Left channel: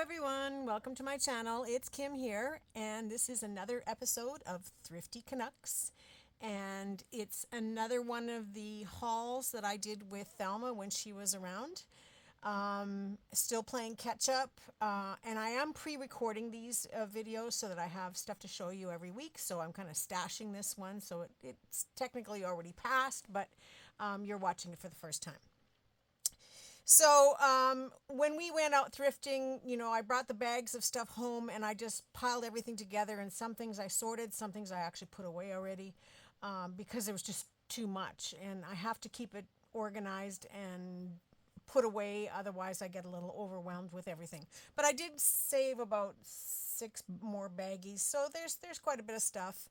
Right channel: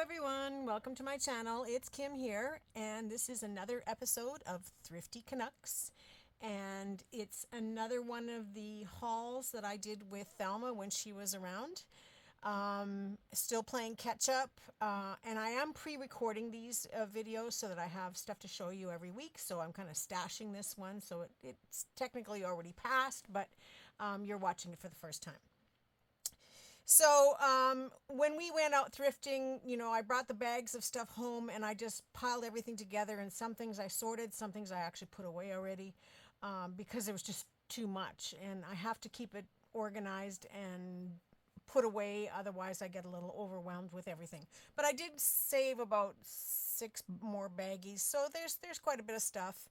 everyone, welcome to my channel. It's Kim here, and this is another episode of Thrifty Canucks, and it's another one of the hauls that I did with Thelma when she was around. Still playing catch up, and I am pre-recording these videos so that I have stuff to show you every week, so I'm kind of stashing this one, so it's technically already passed, but you're watching it for the first time. So when we went out thrifting, I brought the bags of stuff home and I just piled everything together, and some things I sorted, some things I actually put away already because it was just too much, and I have to keep it organized and put away, otherwise I get a little overwhelmed with everything. But I did save about 6 more baggies, so there's quite a bit of stuff.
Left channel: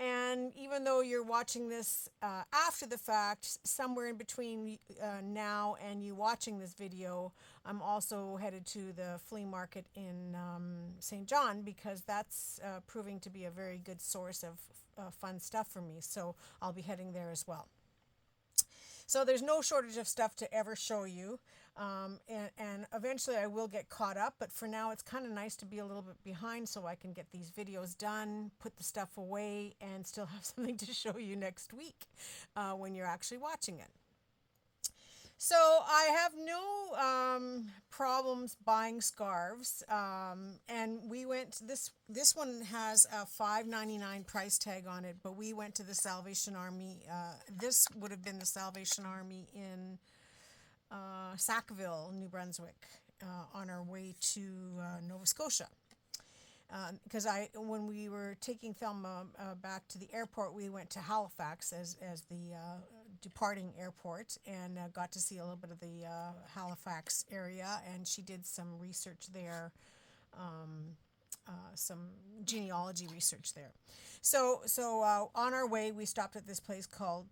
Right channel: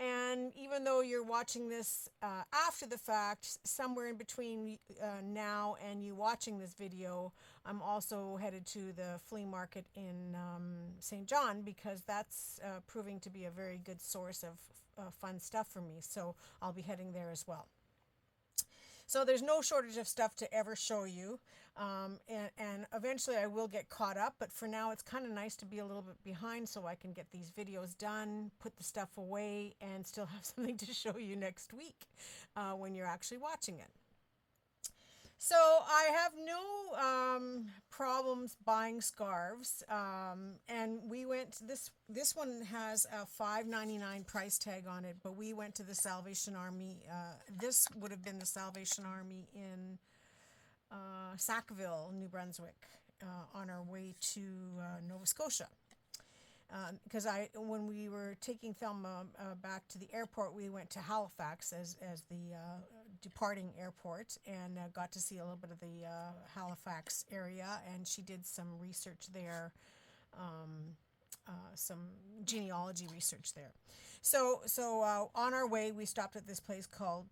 And even though you're watching this after the fact, somewhere in between now and you watching this video, I'm also headed to the flea market in St. John, because that's proving to be a very good source of fun stuff for me. So I'll be heading there as well. So there's no shortage of stuff to ever show you, and eventually I will get caught up, but for now it's kind of nice to be a little bit behind so I can get these videos done, put the stuff away, and still have something to show you next week when you're actually watching it. So I have no problems buying scarves, and we went, this one has a $5.99 price tag on it, but we went to the Salvation Army. This would have been the Salvation Army in Sackville, New Brunswick, on our way to Nova Scotia. Because when we were taking Thelma back to the airport, we went to Halifax as the departing airport, and got to see a little bit of the Halifax area, and she did some research there, some genealogy research there. So on our way, we stopped at this place called,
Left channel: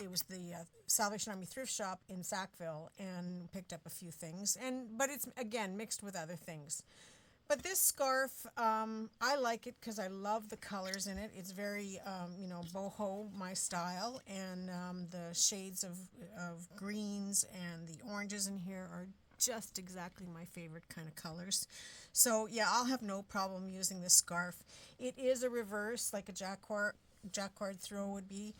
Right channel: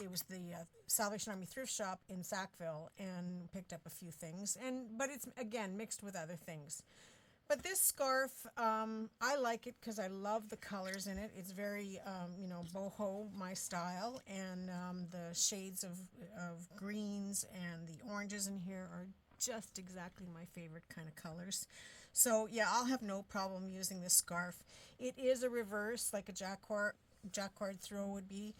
it was the Salvation Army thrift shop in Sackville, and picked up a few things, but it's, again, mixed with other things. But this scarf, I like it because I love the colors in it. It's very, boho, my style, and the shades of greens and the oranges in here are just exactly my favorite kind of colors. So yeah, I'll have no problem using this scarf. It is a reverse, like a jacquard throw would be.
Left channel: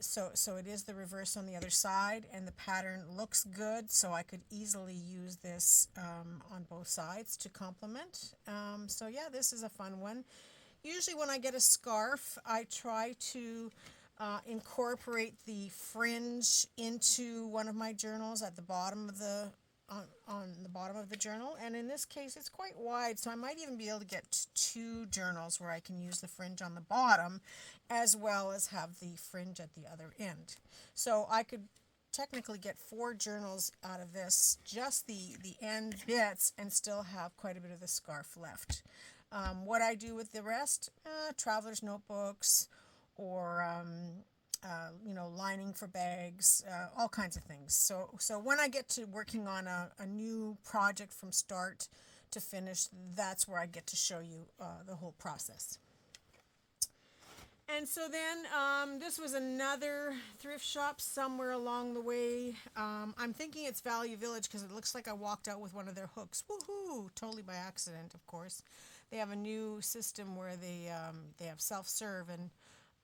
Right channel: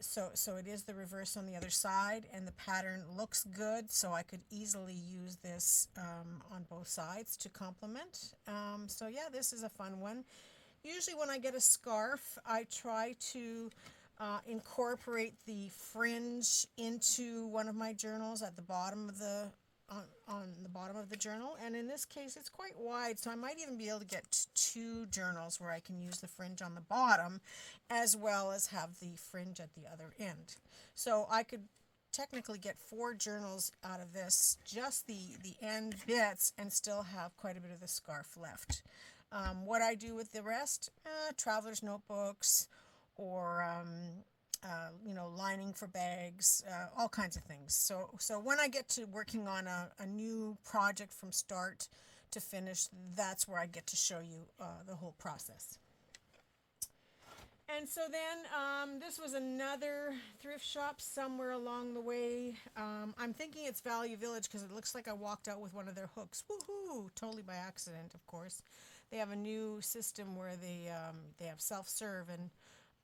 So it is the reverse on the other side, and the pattern looks good, so I could easily use this on both sides to complement. So yeah, this is a fun one. Usually when I get a scarf, I try to incorporate the fringe into one of my journals at the bottom of the on the bottom of the journal, and in this case it's quite wide, so I might even be able to get 2 journals where I can use the fringe on the bottom as well as have the fringe at the other end. So I could technically get 4 journals out of this, just the end bits, and still have quite a bit of the scarf left. What I do with the rest, traveler's notebooks, or lining for bags, all kinds of things. So when I get to working on a new project from start to finish, that's where I get to show you the whole process. And so then this was another thrift shop somewhere along the way. I'm thinking it's Value Village because it looks like I walked out with one of their hooks. Woohoo! Totally by accident, of course. They have a new system where they have self-serve, and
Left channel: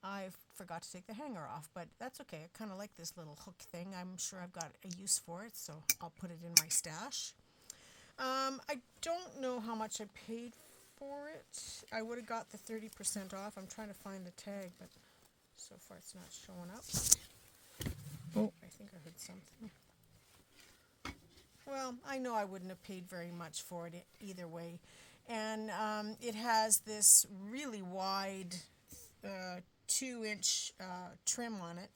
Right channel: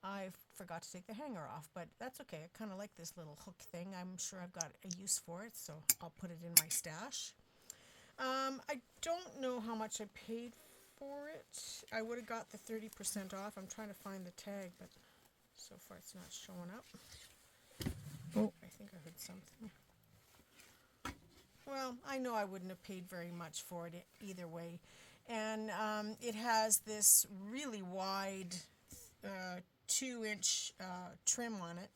I forgot to take the hanger off, but that's okay. I kind of like this little hook thing. I'm sure I've got a use for it, so I'll put it in my stash. I don't know how much I paid for it. I would have got the 30% off. I'm trying to find the tag, but so far it's not showing up. Oh, I think I heard something. Well, I know I wouldn't have paid very much for it either way. And it has this really wide 2-inch trim on it.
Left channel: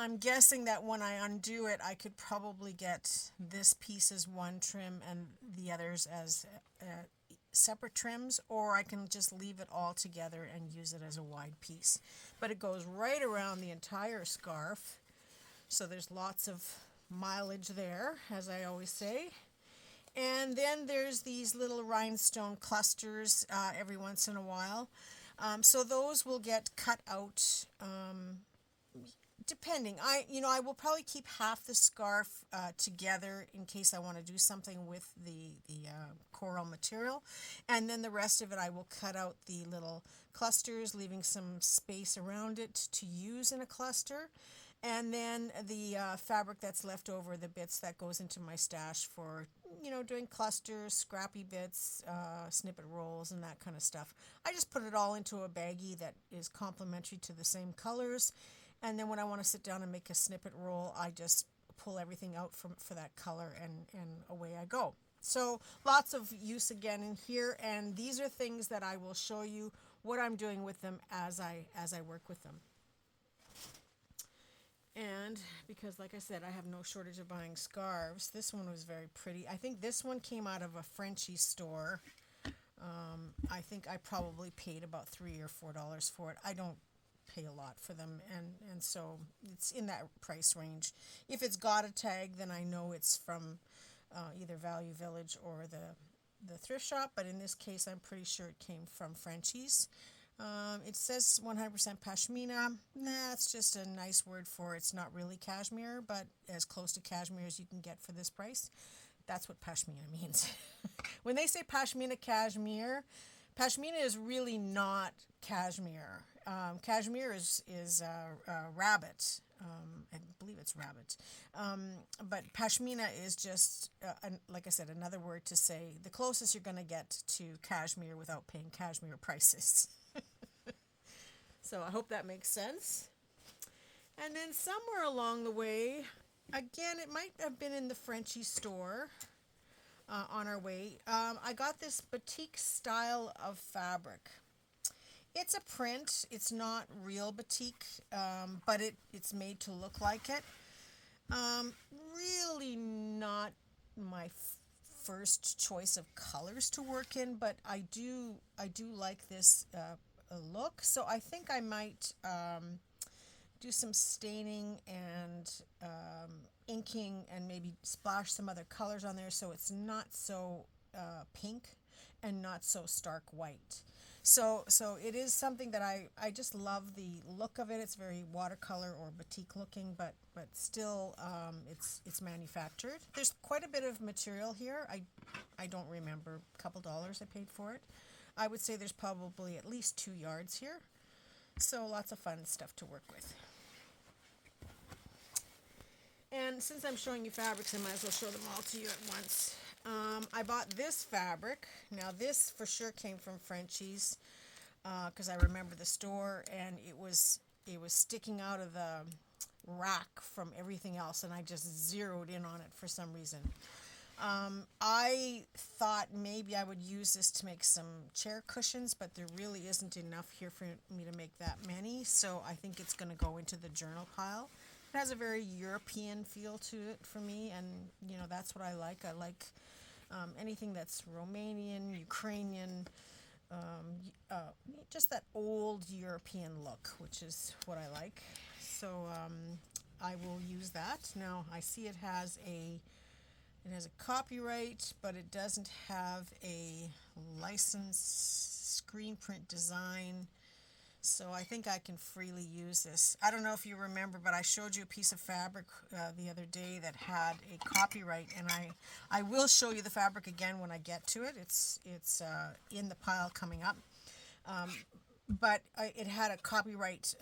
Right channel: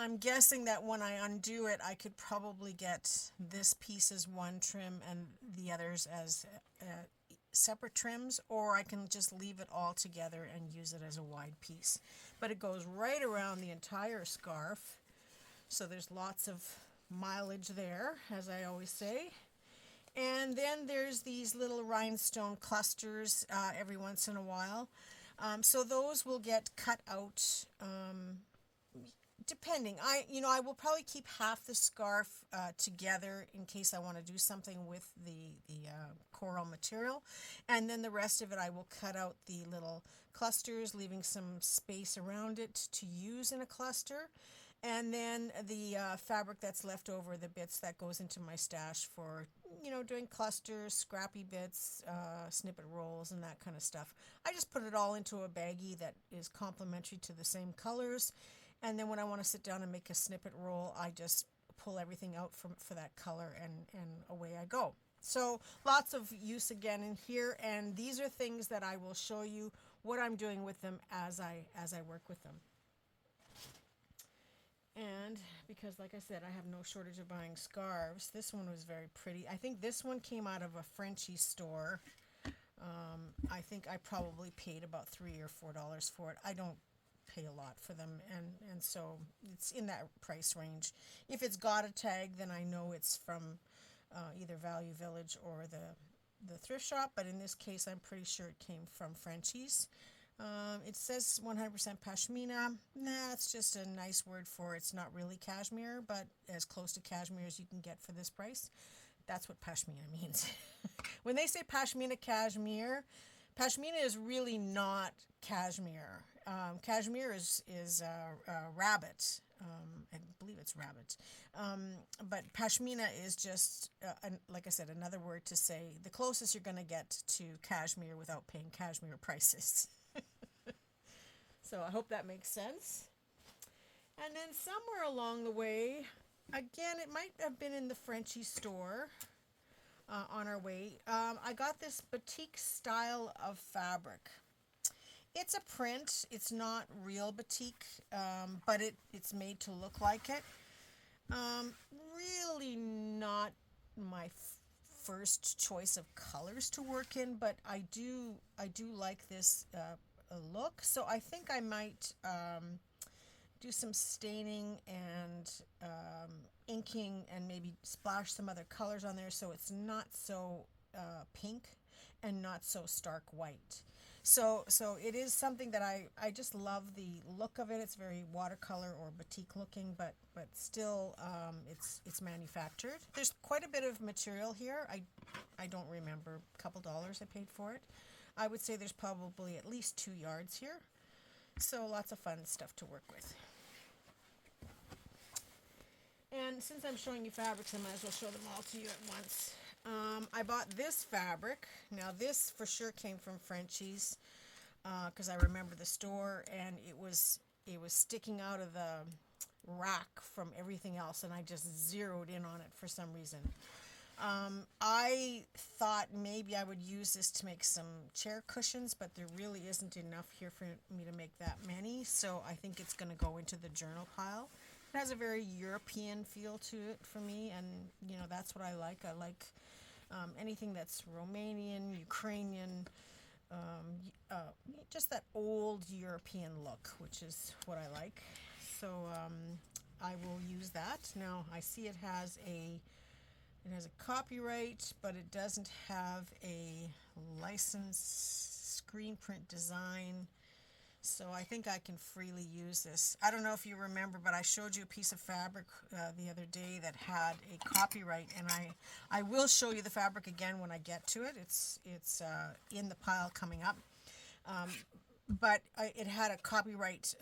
I'm guessing that when I undo it, I could probably get this piece as one trim and the others as separate trims, or I can just leave it all together and use it as a wide piece. But it goes right around the entire scarf, so there's lots of mileage there, as I always say. And then there's these little rhinestone clusters every once in a while. So those will get cut out Depending, I will probably keep half the scarf together in case I want to do something with the coral material, and then the rest of it I will cut out the little clusters, leaving some space around it to use in a cluster, and then the fabric that's left over, the bits that goes into my stash for doing clusters, scrappy bits, snippet rolls, and that kind of stuff. I just put it all into a baggie that is complementary to the same colors. And then when I want to sit down and make a snippet roll, I just pull everything out for that color, and away I go. So lots of use again in here, and these are things that I will show you what I'm doing with them as I work with them. And because, like I said, I have no shortage of buying scarves, this one was very pretty. I think this one came out of a Frenchy store. I think I probably paid about $3 or $4 for it. I don't pay a lot for them, and so it's in that price range. If it's got a tag, then I know it's from either Value Village or the thrift shop, but in this case I'm pretty sure it came from Frenchies. It says 100% pashmina. Nah, it's just a nice word for it's not really cashmere, but as close to cashmere as you can get for this price. That's what pashmina means. When they say pashmina is really not cashmere. Cashmere is rabbit. I believe it's rabbit. But pashmina is just, like I said, another word to say the closest you're going to get to cashmere without paying cashmere prices. So I hope that makes sense. And then somewhere along the way, again, it might have been in the Frenchy store on our way, I got this batik style of fabric. It's a print. It's not real batik, but it's made to look like it. Really not my first choice of colors to work in, but I do like this look. So I think I might do some staining and inking and maybe splash some other colors on there so it's not so pink and not so stark white. So it is something that I just love the look of it. It's very watercolor or batik looking, but still it's manufactured. There's quite a bit of material here. I don't remember, a couple dollars I paid for it. I would say there's probably at least 2 yards here. So lots of fun stuff to work with. And since I'm showing you fabrics, I might as well show them all to you at once. I bought this fabric. Now this for sure came from Frenchies because I remember the store, and it was sticking out of the rack from everything else, and I just zeroed in on it for some reason. I thought maybe I would use this to make some chair cushions, but there really isn't enough here for me to make that many, so I think it's going to go into the journal pile. It has a very European feel to it for me, and that's what I like. I like anything that's Romanian, Ukrainian, just that old European look, which is what I like. So I will use that. Now I see it has a copyright, but it doesn't have a license screen print design. So I think I can freely use this. I don't know if you remember, but I showed you a piece of fabric the other day that had a copyright, and I will show you the fabric again when I get to it. It's in the pile coming up. But it had a copyright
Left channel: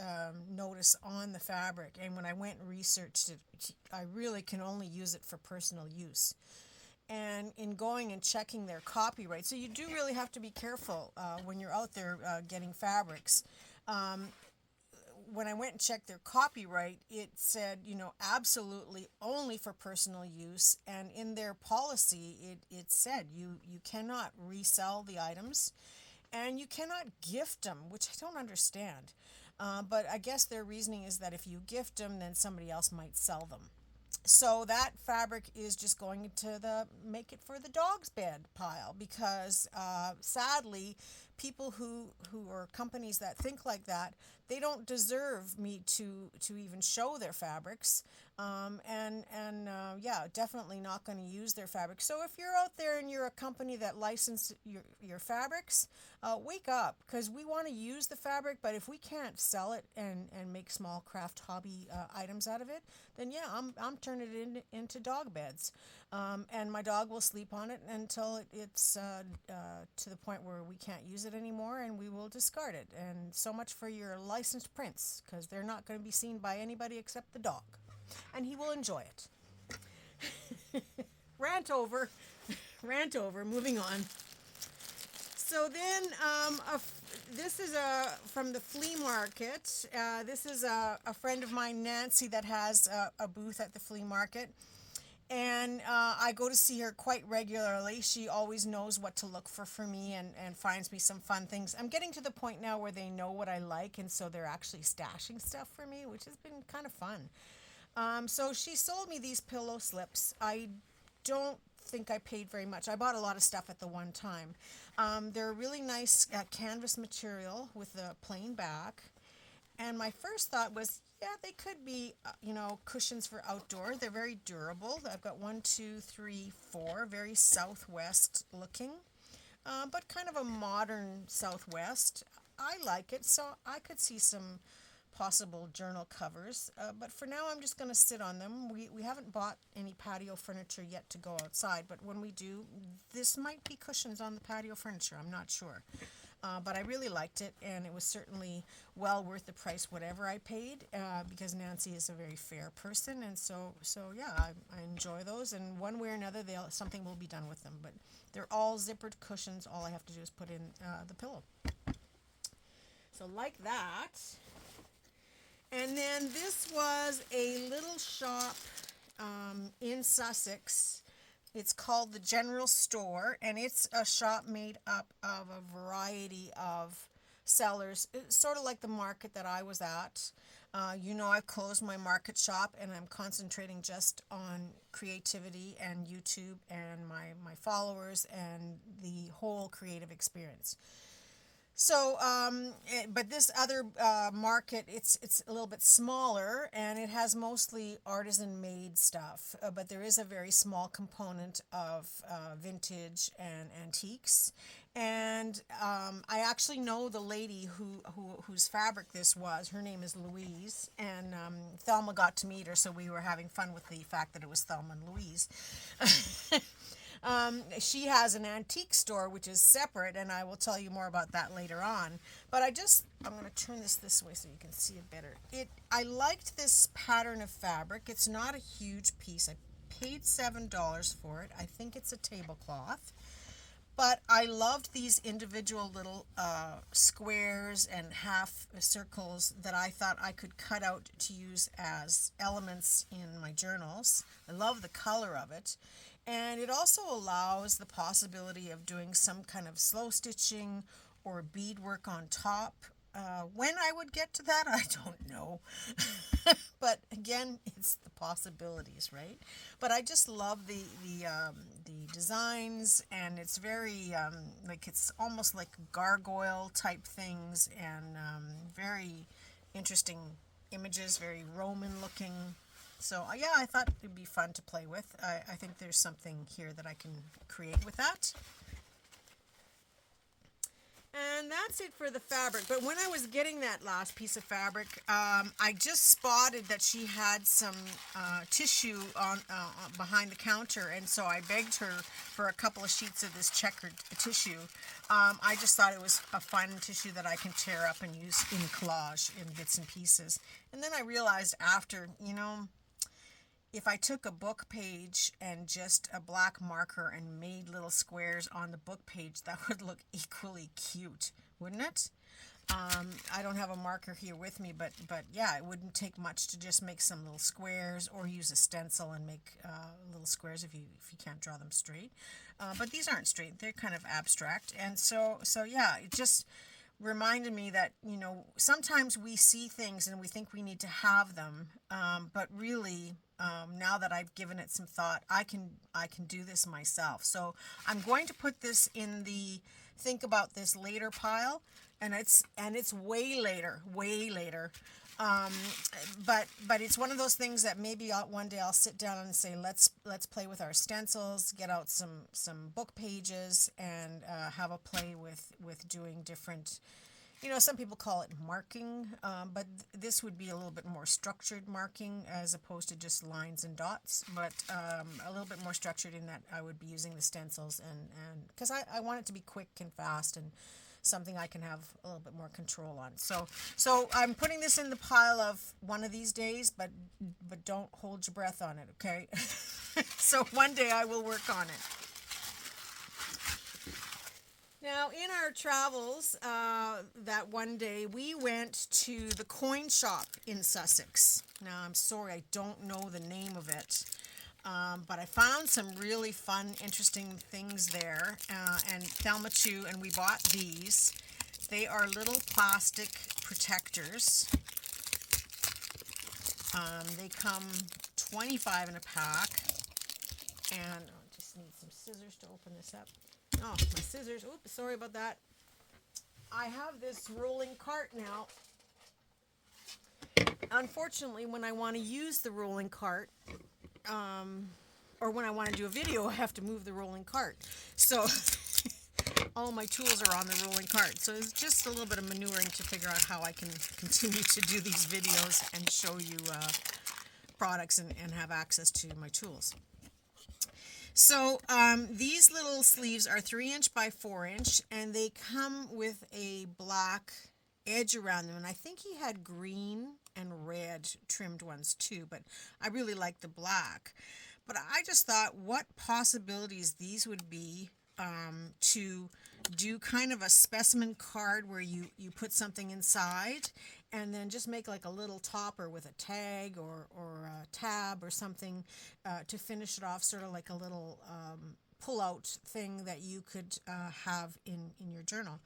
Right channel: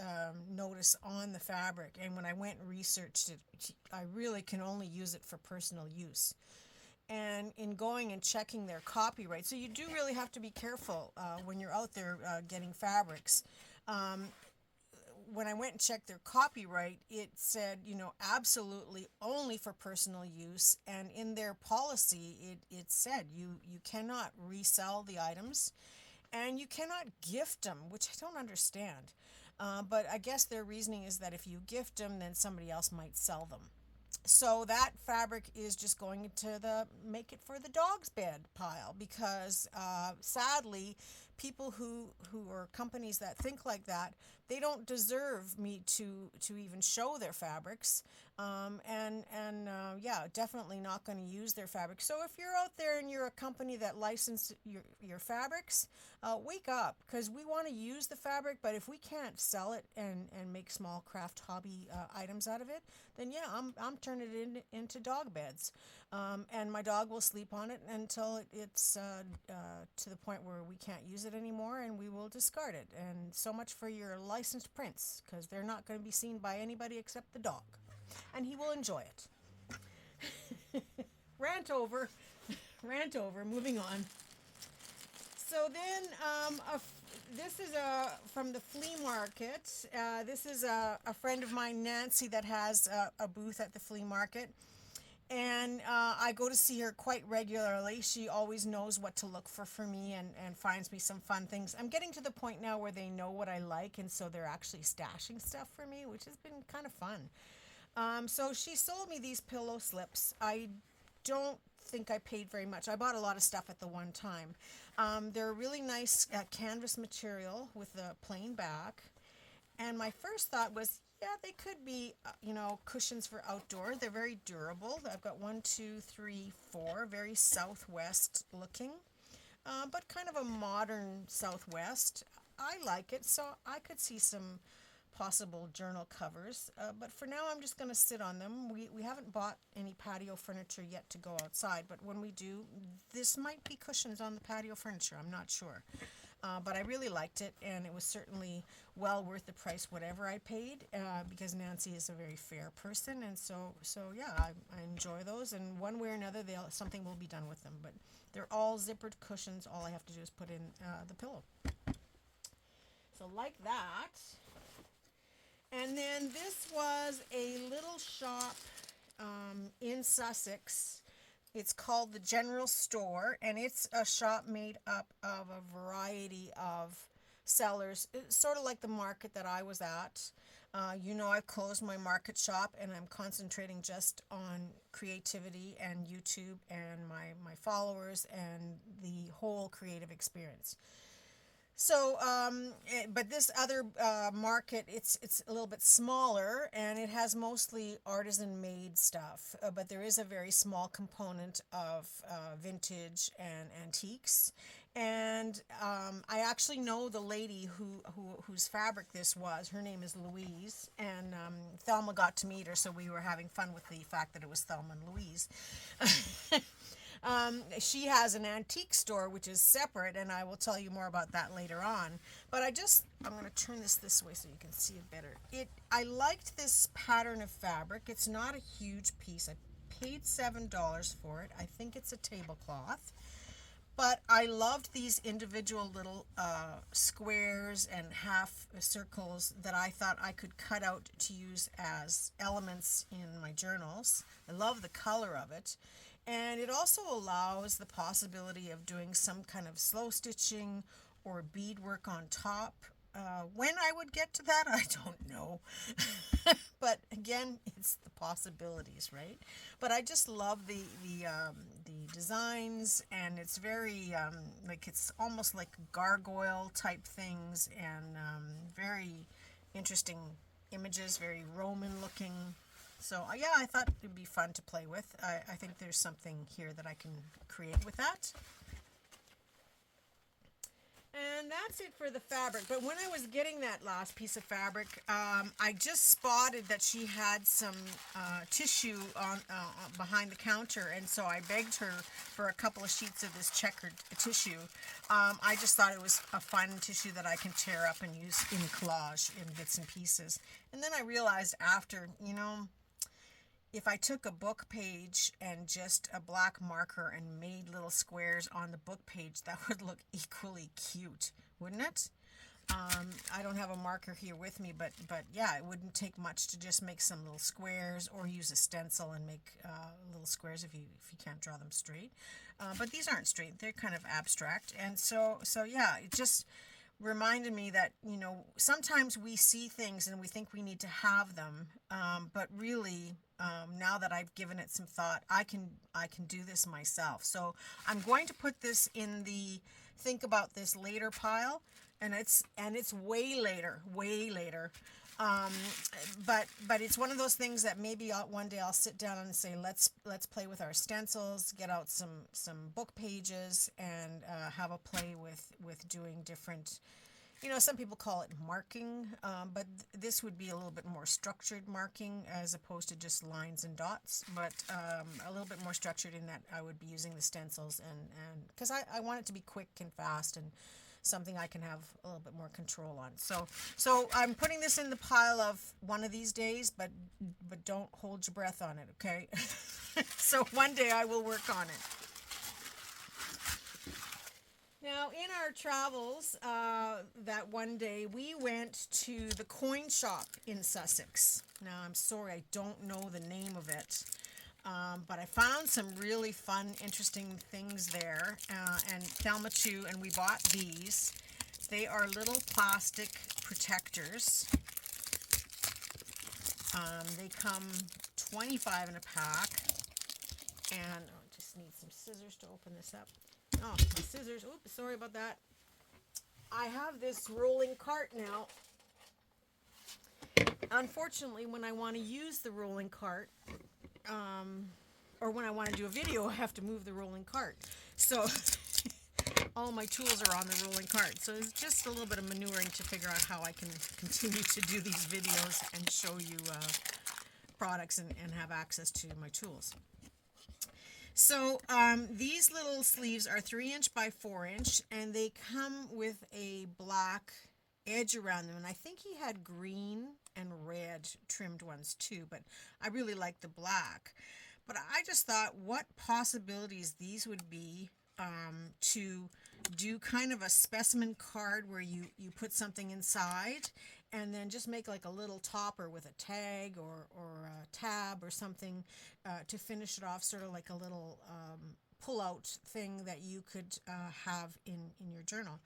notice on the fabric, and when I went and researched it, I really can only use it for personal use. And in going and checking their copyright, so you do really have to be careful when you're out there getting fabrics. When I went and checked their copyright, it said, absolutely only for personal use. And in their policy, it said you cannot resell the items and you cannot gift them, which I don't understand. But I guess their reasoning is that if you gift them, then somebody else might sell them. So that fabric is just going into the make it for the dog's bed pile because sadly, people who are companies that think like that, they don't deserve me to even show their fabrics. Yeah, definitely not going to use their fabric. So if you're out there and you're a company that licenses your fabrics, wake up, because we want to use the fabric, but if we can't sell it and make small craft hobby items out of it, then yeah, I'm turning it into dog beds. And my dog will sleep on it until it's to the point where we can't use it anymore, and we will discard it. And so much for your licensed prints, because they're not going to be seen by anybody except the dog. And he will enjoy it. Rant over. Rant over. Moving on. So then, this is from the flea market. This is a friend of mine, Nancy, that has a booth at the flea market. And I go to see her quite regularly. She always knows what to look for me and finds me some fun things. I'm getting to the point now where they know what I like, and so they're actually stashing stuff for me, which has been kind of fun. So she sold me these pillow slips. I don't think I paid very much. I bought a lot of stuff at the one time. They're a really nice canvas material with a plain back. And my first thought was, yeah, they could be, cushions for outdoor. They're very durable. I've got 1, 2, 3, 4, very Southwest looking, but kind of a modern Southwest. I like it, so I could see some possible journal covers, but for now I'm just going to sit on them. We haven't bought any patio furniture yet to go outside, but when we do, this might be cushions on the patio furniture. I'm not sure. But I really liked it, and it was certainly well worth the price, whatever I paid, because Nancy is a very fair person, and so yeah, I enjoy those, and one way or another, something will be done with them. But they're all zippered cushions. All I have to do is put in the pillow. So like that. And then this was a little shop in Sussex. It's called the General Store, and it's a shop made up of a variety of sellers. It's sort of like the market that I was at. I've closed my market shop, and I'm concentrating just on creativity and YouTube and my followers and the whole creative experience. So, but this other market, it's a little bit smaller, and it has mostly artisan-made stuff. But there is a very small component of vintage and antiques. And I actually know the lady whose fabric this was. Her name is Louise, and Thelma got to meet her, so we were having fun with the fact that it was Thelma and Louise. She has an antique store, which is separate, and I will tell you more about that later on. But I'm going to turn this way so you can see it better. I liked this pattern of fabric. It's not a huge piece. I paid $7 for it. I think it's a tablecloth. But I loved these individual little squares and half circles that I thought I could cut out to use as elements in my journals. I love the color of it. And it also allows the possibility of doing some kind of slow stitching or beadwork on top. When I would get to that, I don't know. But again, it's the possibilities, right? But I just love the designs, and it's very it's almost like gargoyle type things, and very interesting images, very Roman looking. So yeah, I thought it'd be fun to play with. I think there's something here that I can create with that. And that's it for the fabric. But when I was getting that last piece of fabric, I just spotted that she had some tissue on behind the counter, and so I begged her for a couple of sheets of this checkered tissue. I just thought it was a fun tissue that I can tear up and use in collage in bits and pieces. And then I realized after, if I took a book page and just a black marker and made little squares on the book page, that would look equally cute, wouldn't it? I don't have a marker here with me, but yeah, it wouldn't take much to just make some little squares, or use a stencil and make little squares if you can't draw them straight. But these aren't straight; they're kind of abstract, and so yeah, it just reminded me that sometimes we see things and we think we need to have them, but really. Now that I've given it some thought, I can do this myself. So I'm going to put this in the think about this later pile, and it's way later. But it's one of those things that maybe one day I'll sit down and say, let's play with our stencils, get out some book pages, and have a play with doing different. Some people call it marking, but this would be a little bit more structured marking as opposed to just lines and dots, but a little bit more structured in that I would be using the stencils and because I want it to be quick and fast and something I can have a little bit more control on. So I'm putting this in the pile of one of these days, but don't hold your breath on it, okay? So one day I will work on it. Now, in our travels, that one day, we went to the coin shop in Sussex. Now, I'm sorry, I don't know the name of it, but I found some really fun, interesting things there, and Thelma too, and we bought these. They are little plastic protectors. They come 25 in a pack, and I just need some scissors to open this up. Oh, my scissors. Oops, sorry about that. I have this rolling cart now. Unfortunately, when I want to use the rolling cart, or when I want to do a video, I have to move the rolling cart. So all my tools are on the rolling cart. So it's just a little bit of maneuvering to figure out how I can continue to do these videos and show you products and have access to my tools. So these little sleeves are 3" by 4", and they come with a black edge around them. And I think he had green and red trimmed ones too, but I really like the black. But I just thought what possibilities these would be to do kind of a specimen card where you put something inside and then just make like a little topper with a tag or a tab or something to finish it off, sort of like a little pull-out thing that you could have in your journal.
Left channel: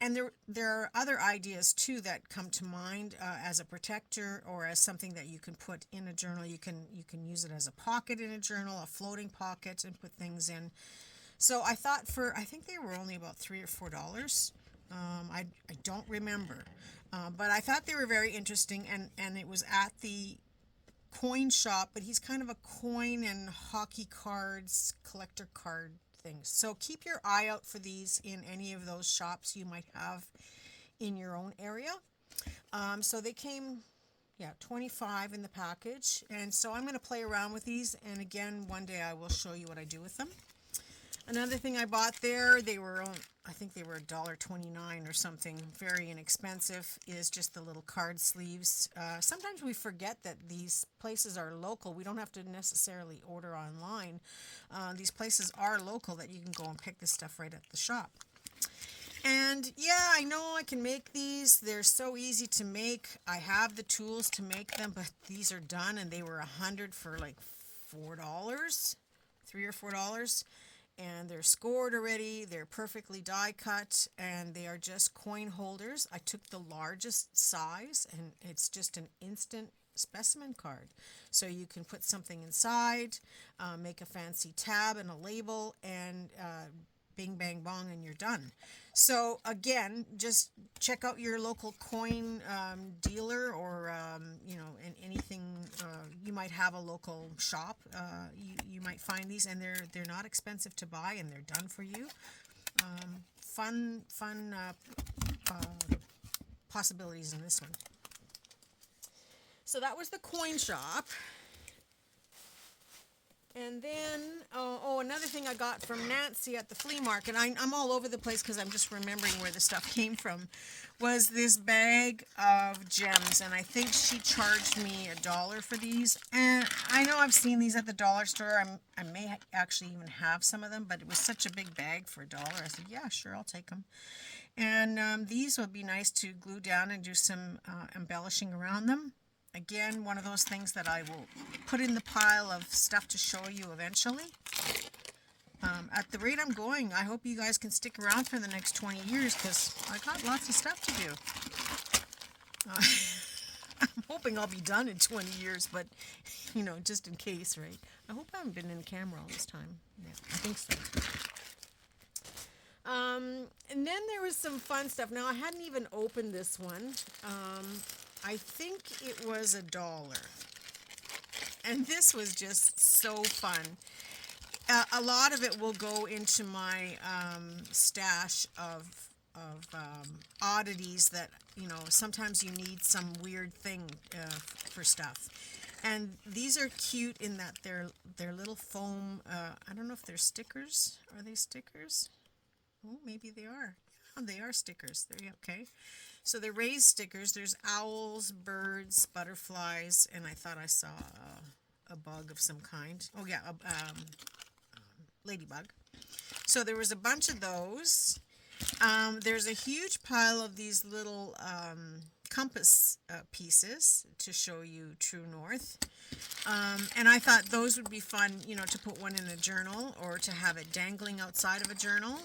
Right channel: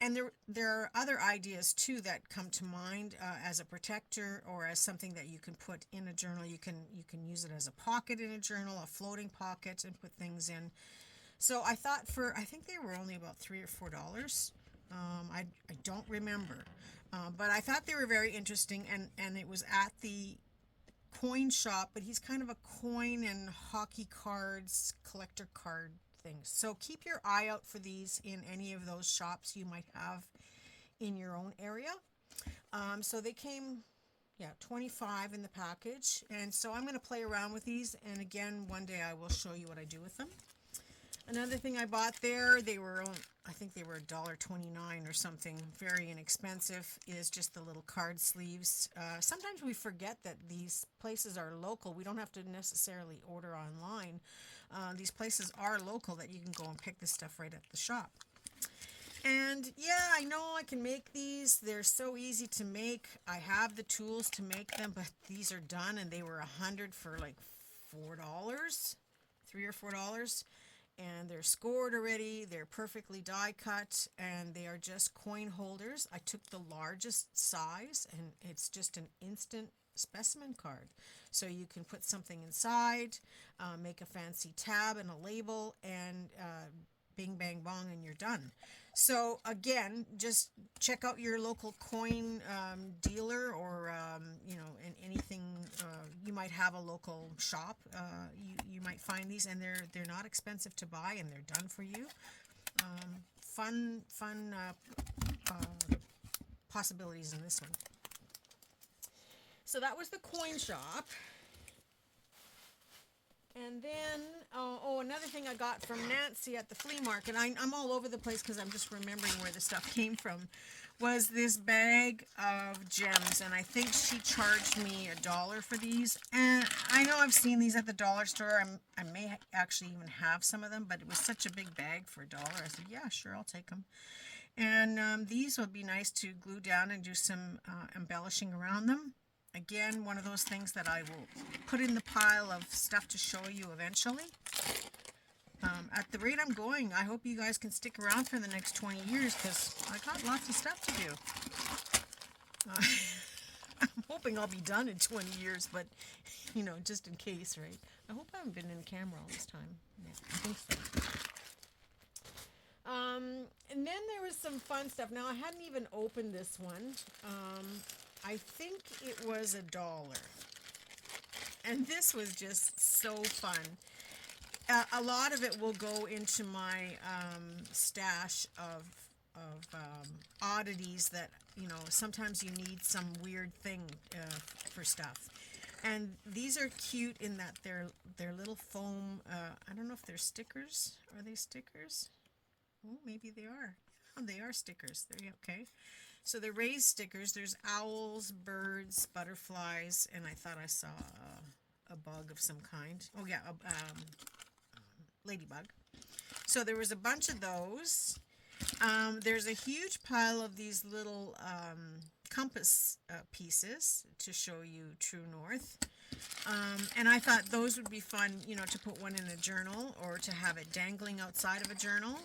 And there are other ideas too that come to mind as a protector or as something that you can put in a journal. You can use it as a pocket in a journal, a floating pocket, and put things in. So I thought I think they were only about $3 or $4. I don't remember. But I thought they were very interesting, and it was at the coin shop, but he's kind of a coin and hockey cards, collector card thing. So keep your eye out for these in any of those shops you might have in your own area. So they came, 25 in the package, and so I'm going to play around with these, and again, one day I will show you what I do with them. Another thing I bought there, I think they were $1.29 or something, very inexpensive, is just the little card sleeves. Sometimes we forget that these places are local. We don't have to necessarily order online. These places are local that you can go and pick this stuff right at the shop. And yeah, I know I can make these. They're so easy to make. I have the tools to make them, but these are done, and they were $100 for like $4, $3 or $4. And they're scored already, they're perfectly die cut, and they are just coin holders. I took the largest size, and it's just an instant specimen card. So you can put something inside, make a fancy tab and a label, and bing, bang, bong, and you're done. So again, just check out your local coin dealer, or anything. You might have a local shop. You might find these, and they're not expensive to buy, and they're done for you. Fun possibilities in this one. So that was the coin shop. And then, another thing I got from Nancy at the flea market, I'm all over the place because I'm just remembering where the stuff came from, was this bag of gems. And I think she charged me $1 for these. And I know I've seen these at the dollar store. I may actually even have some of them, but it was such a big bag for $1. I said, yeah, sure, I'll take them. And these would be nice to glue down and do some embellishing around them. Again, one of those things that I will put in the pile of stuff to show you eventually. At the rate I'm going, I hope you guys can stick around for the next 20 years because I got lots of stuff to do. I'm hoping I'll be done in 20 years, but, just in case, right? I hope I haven't been in camera all this time. Yeah, I think so. And then there was some fun stuff. Now, I hadn't even opened this one. I think it was $1. And this was just so fun. A lot of it will go into my stash of oddities that, sometimes you need some weird thing for stuff. And these are cute in that they're little foam, I don't know if they're stickers. Are they stickers? Oh, maybe they are. Oh, they are stickers. Okay. So they're raised stickers. There's owls, birds, butterflies, and I thought I saw a bug of some kind. Oh yeah, ladybug. So there was a bunch of those. There's a huge pile of these little compass pieces to show you true north. And I thought those would be fun, to put one in a journal or to have it dangling outside of a journal.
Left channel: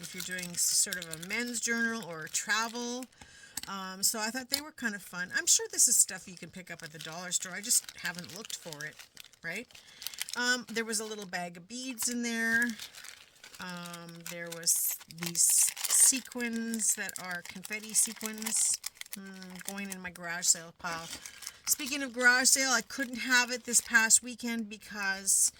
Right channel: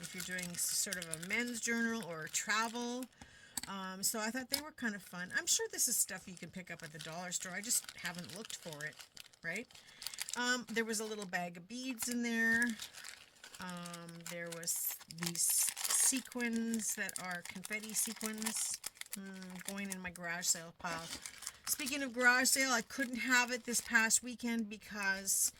If you're doing sort of a men's journal or travel. So I thought they were kind of fun. I'm sure this is stuff you can pick up at the dollar store. I just haven't looked for it, right? There was a little bag of beads in there. There was these sequins that are confetti sequins going in my garage sale pile. Speaking of garage sale, I couldn't have it this past weekend because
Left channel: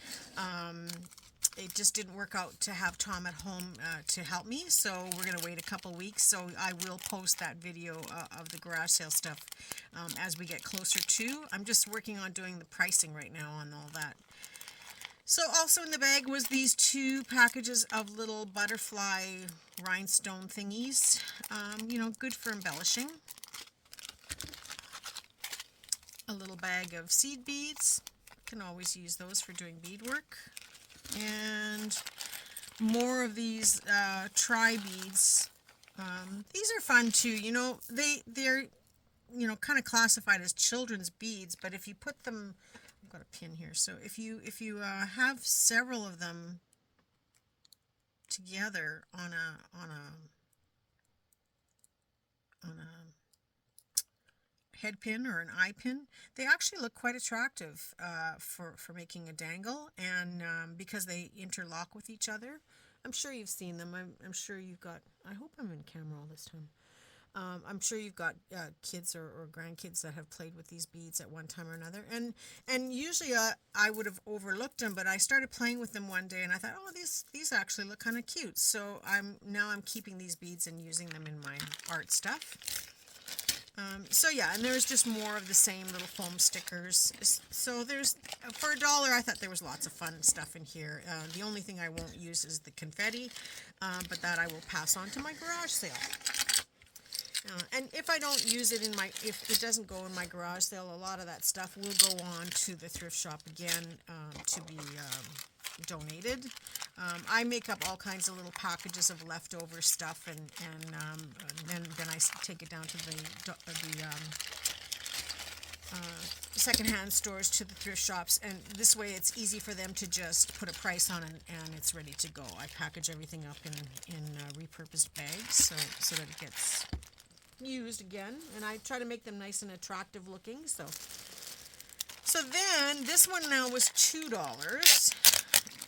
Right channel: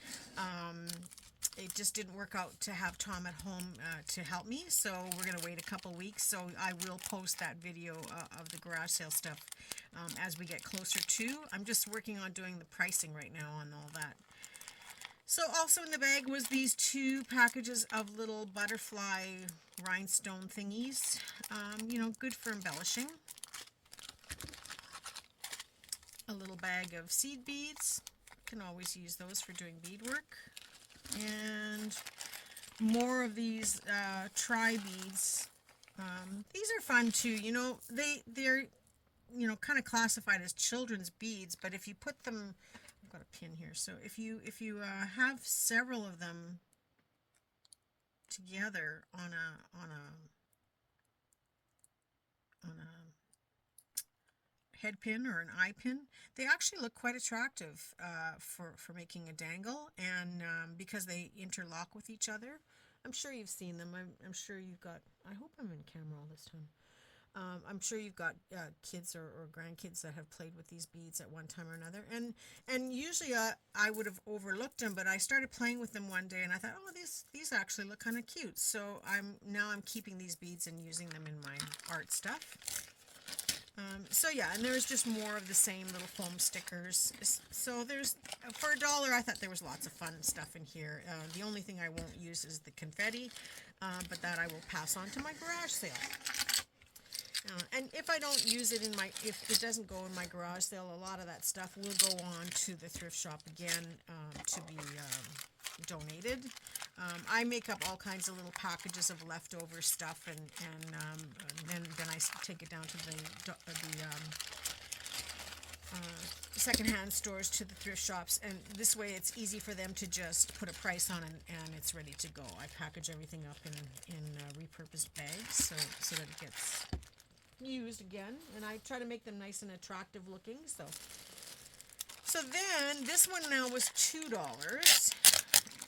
it just didn't work out to have Tom at home to help me, so we're going to wait a couple weeks. So I will post that video of the garage sale stuff as we get closer to. I'm just working on doing the pricing right now on all that. So also in the bag was these 2 packages of little butterfly rhinestone thingies, good for embellishing. A little bag of seed beads. Can always use those for doing beadwork. And more of these tri beads. These are fun too. They're kind of classified as children's beads, but if you put them, I've got a pin here. So if you have several of them together on a head pin or an eye pin, they actually look quite attractive for making a dangle, and because they interlock with each other. I'm sure you've seen them. I'm sure you've got, I hope I'm in camera all this time. I'm sure you've got kids or grandkids that have played with these beads at one time or another. And usually I would have overlooked them, but I started playing with them one day and I thought, oh, these actually look kind of cute. So I'm keeping these beads and using them in my art stuff. So yeah, and there's just more of the same little foam stickers. So there's, for $1, I thought there was lots of fun stuff in here. The only thing I won't use is the confetti, but that I will pass on to my garage sale. And if I don't use it if it doesn't go in my garage sale, a lot of that stuff will go on to the thrift shop again to be donated. I make up all kinds of little packages of leftover stuff, and then I take it down to the secondhand stores, to the thrift shops, and this way it's easy for them to just put a price on it and it's ready to go. I package everything up in repurposed bags so that it gets used again, and I try to make them nice and attractive looking. So then this one now was $2,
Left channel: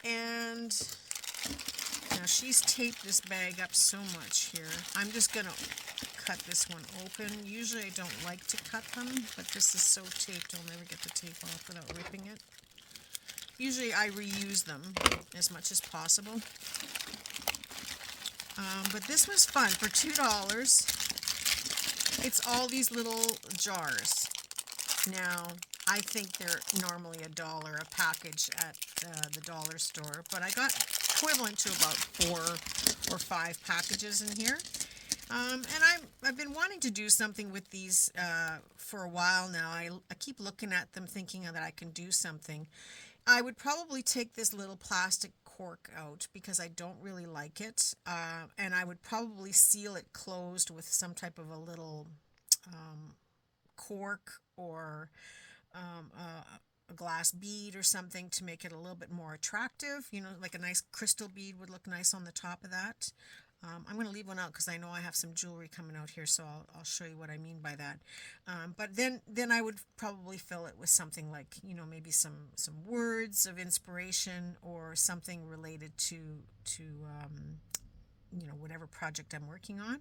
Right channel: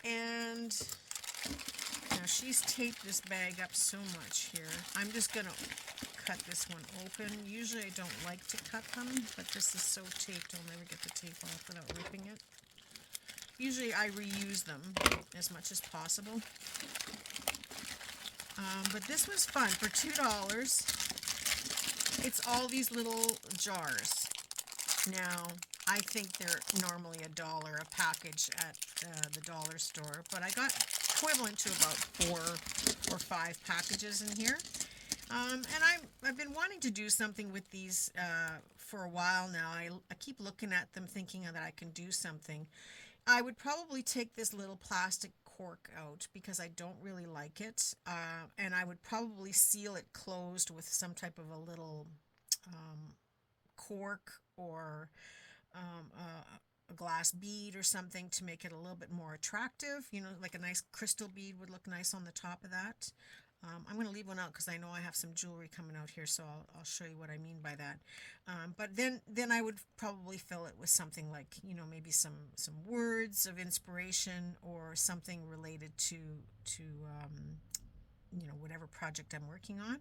and now she's taped this bag up so much here. I'm just gonna cut this one open. Usually I don't like to cut them, but this is so taped I'll never get the tape off without ripping it. Usually I reuse them as much as possible, but this was fun. For $2, it's all these little jars. Now, I think they're normally $1 a package at the dollar store, but I got equivalent to about 4 or 5 packages in here. And I've been wanting to do something with these for a while now. I keep looking at them thinking that I can do something. I would probably take this little plastic cork out because I don't really like it, and I would probably seal it closed with some type of a little cork or a glass bead or something to make it a little bit more attractive. Like a nice crystal bead would look nice on the top of that. I'm going to leave one out because I know I have some jewelry coming out here, so I'll show you what I mean by that. But then I would probably fill it with something like, maybe some words of inspiration or something related to whatever project I'm working on.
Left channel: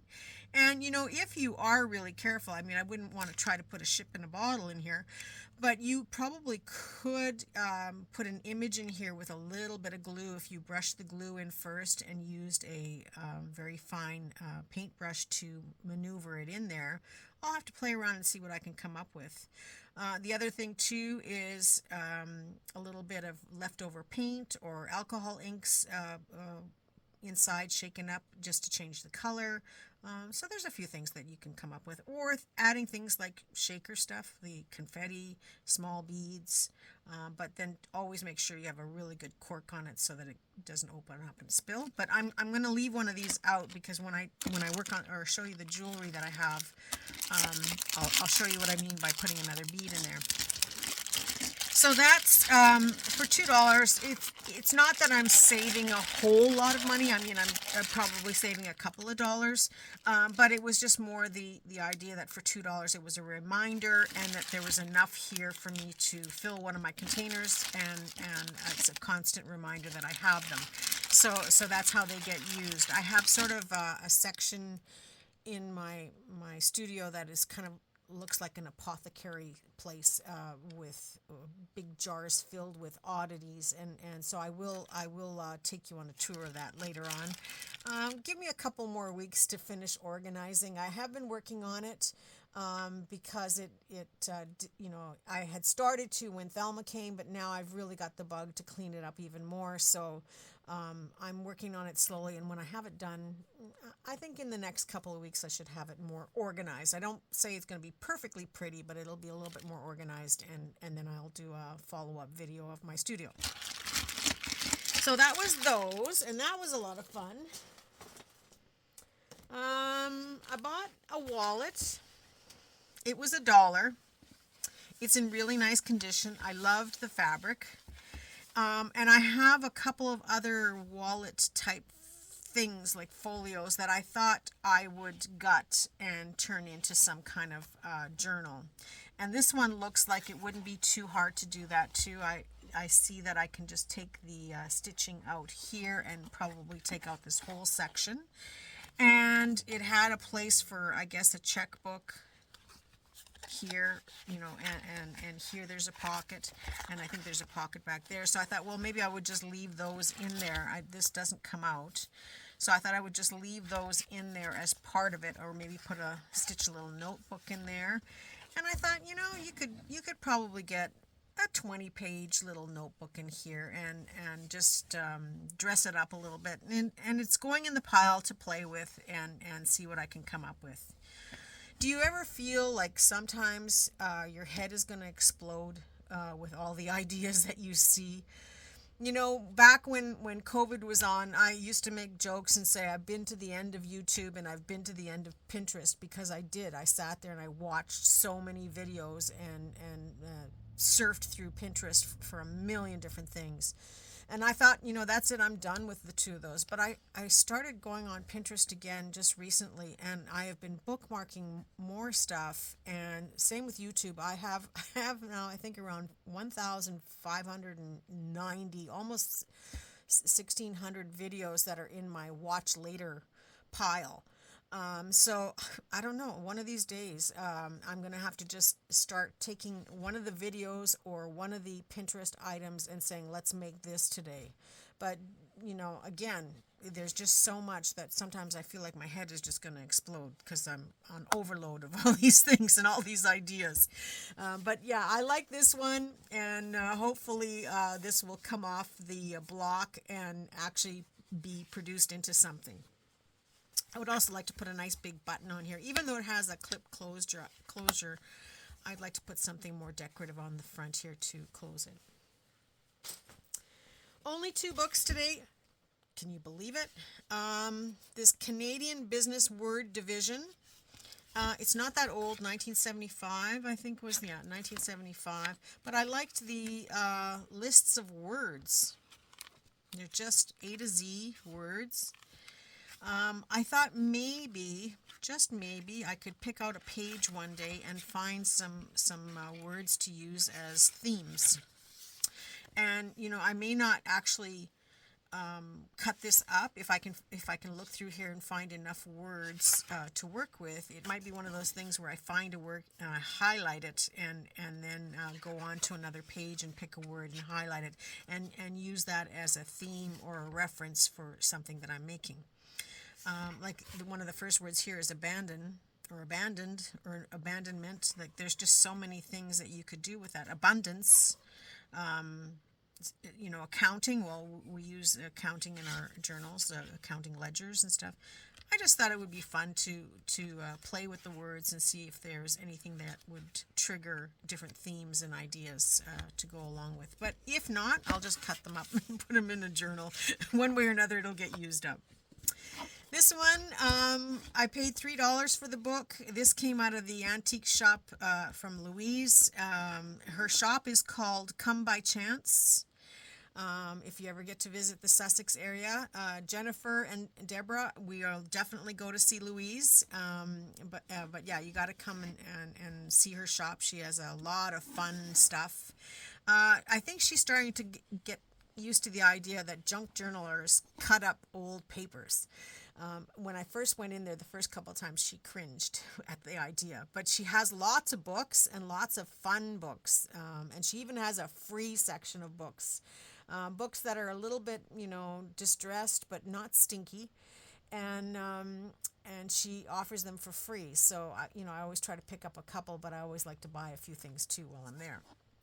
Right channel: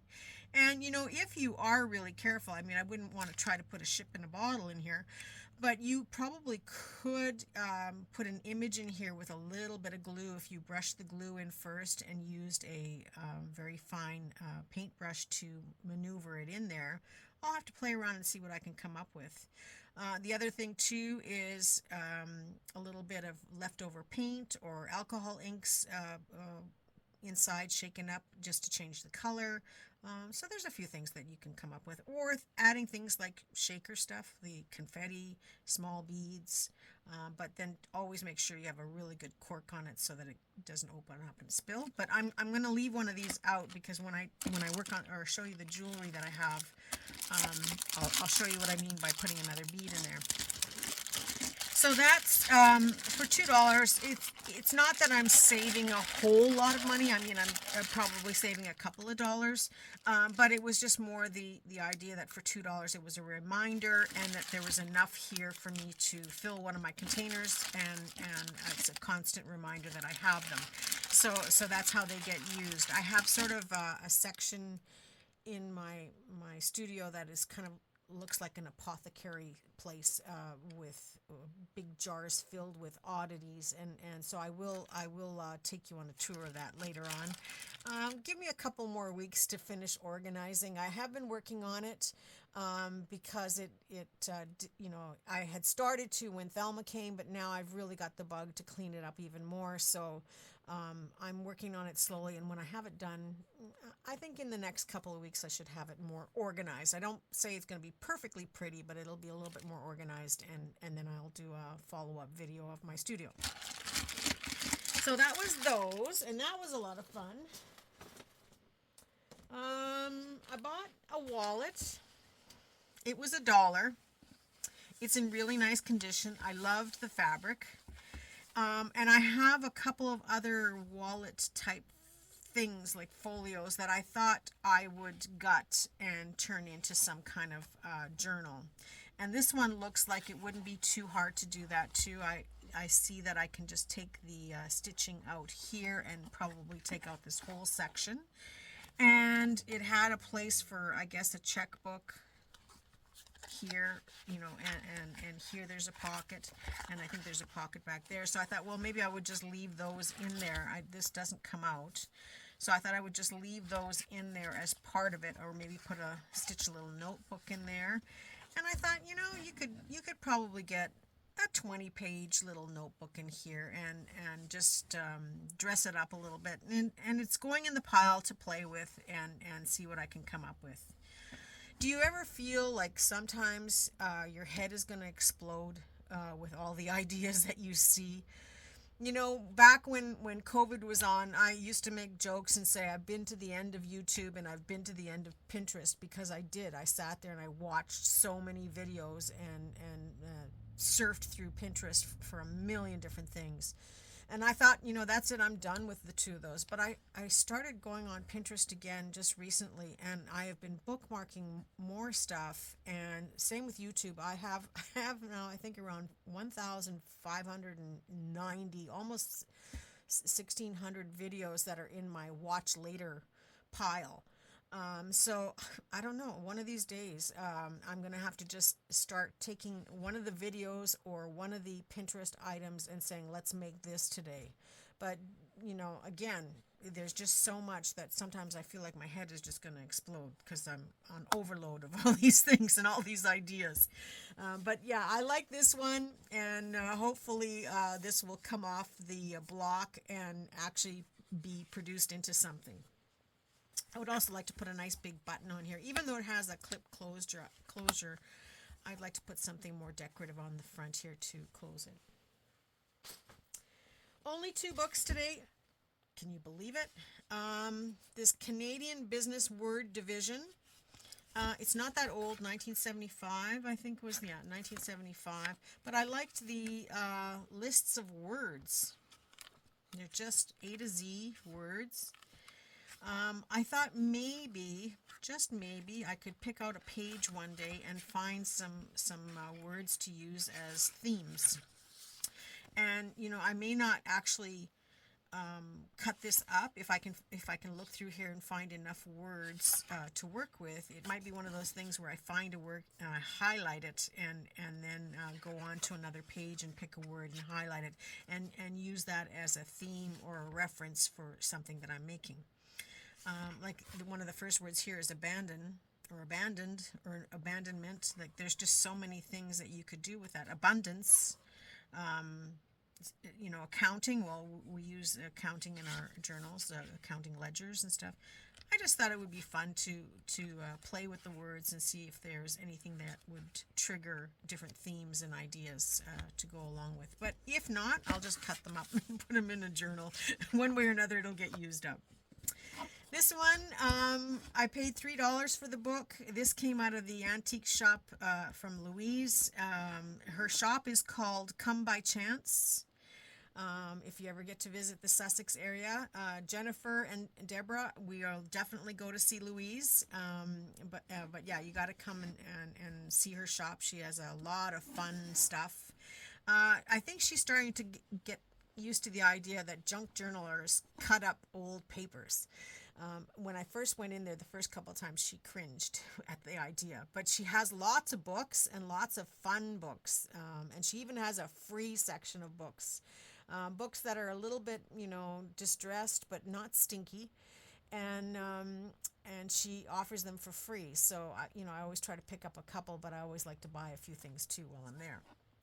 And if you are really careful, I mean, I wouldn't want to try to put a ship in a bottle in here, but you probably could put an image in here with a little bit of glue if you brush the glue in first and used a very fine paintbrush to maneuver it in there. I'll have to play around and see what I can come up with. The other thing too is a little bit of leftover paint or alcohol inks inside shaken up just to change the color. So there's a few things that you can come up with, or adding things like shaker stuff, the confetti, small beads, but then always make sure you have a really good cork on it so that it doesn't open up and spill. But I'm going to leave one of these out because when I work on or show you the jewelry that I have, I'll show you what I mean by putting another bead in there. So that's for $2. It's not that I'm saving a whole lot of money. I mean, I'm probably saving a couple of dollars, but it was just more the idea that for $2 it was a reminder and that there was enough here for me to fill one of my containers, and it's a constant reminder that I have them. So that's how they get used. I have sort of a section in my studio that is kind of looks like an apothecary place with big jars filled with oddities, and so I will take you on a tour of that later on. Give me a couple more weeks to finish organizing. I have been working on it because I had started to when Thelma came, but now I've really got the bug to clean it up even more. So I'm working on it slowly, and when I have it done, I think in the next couple of weeks I should have it more organized. I don't say it's going to be perfectly pretty, but it'll be a little bit more organized, and then I'll do a follow-up video of my studio. So that was those, and that was a lot of fun. I bought a wallet. It was $1. It's in really nice condition. I loved the fabric. And I have a couple of other wallet type things like folios that I thought I would gut and turn into some kind of journal. And this one looks like it wouldn't be too hard to do that too. I see that I can just take the stitching out here and probably take out this whole section. And it had a place for, I guess, a checkbook here, and here there's a pocket, and I think there's a pocket back there. So I thought, well, maybe I would just leave those in there. This doesn't come out, so I thought I would just leave those in there as part of it, or maybe stitch a little notebook in there. And I thought, you could probably get a 20-page little notebook in here and just dress it up a little bit, and it's going in the pile to play with and see what I can come up with. Do you ever feel like sometimes your head is going to explode with all the ideas that you see? Back when COVID was on, I used to make jokes and say I've been to the end of YouTube and I've been to the end of Pinterest, because I did. I sat there and I watched so many videos and surfed through Pinterest for a million different things. And I thought, that's it, I'm done with the two of those. But I started going on Pinterest again just recently, and I have been bookmarking more stuff, and same with YouTube. I have now, I think, around 1,590, almost 1,600 videos that are in my watch later pile. So I don't know, one of these days I'm going to have to just start taking one of the videos or one of the Pinterest items and saying, let's make this today. But, again, there's just so much that sometimes I feel like my head is just going to explode because I'm on overload of all these things and all these ideas. But yeah, I like this one, and hopefully this will come off the block and actually be produced into something. I would also like to put a nice big button on here. Even though it has a clip closure, I'd like to put something more decorative on the front here to close it. Only 2 books today. Can you believe it? This Canadian Business Word Division. It's not that old, 1975, I think was, 1975. But I liked the lists of words. They're just A to Z words. I thought maybe, just maybe, I could pick out a page one day and find some words to use as themes. And, I may not actually cut this up. If I can look through here and find enough words to work with, it might be one of those things where I find a word and I highlight it and then go on to another page and pick a word and highlight it and use that as a theme or a reference for something that I'm making. Like one of the first words here is abandon or abandoned or abandonment. Like there's just so many things that you could do with that. Abundance. You know, accounting, well, we use accounting in our journals, accounting ledgers and stuff. I just thought it would be fun to play with the words and see if there's anything that would trigger different themes and ideas to go along with. But if not, I'll just cut them up and put them in a journal. One way or another, it'll get used up. This one, I paid $3 for the book. This came out of the antique shop from Louise. Her shop is called Come By Chance. If you ever get to visit the Sussex area, Jennifer and Deborah, we'll definitely go to see Louise. But yeah, you got to come and see her shop. She has a lot of fun stuff. I think she's starting to get used to the idea that junk journalers cut up old papers. When I first went in there the first couple of times, she cringed at the idea. But she has lots of books and lots of fun books. And she even has a free section of books. Books that are a little bit, you know, distressed but not stinky. And she offers them for free. So, you know, I always try to pick up a couple, but I always like to buy a few things too while I'm there.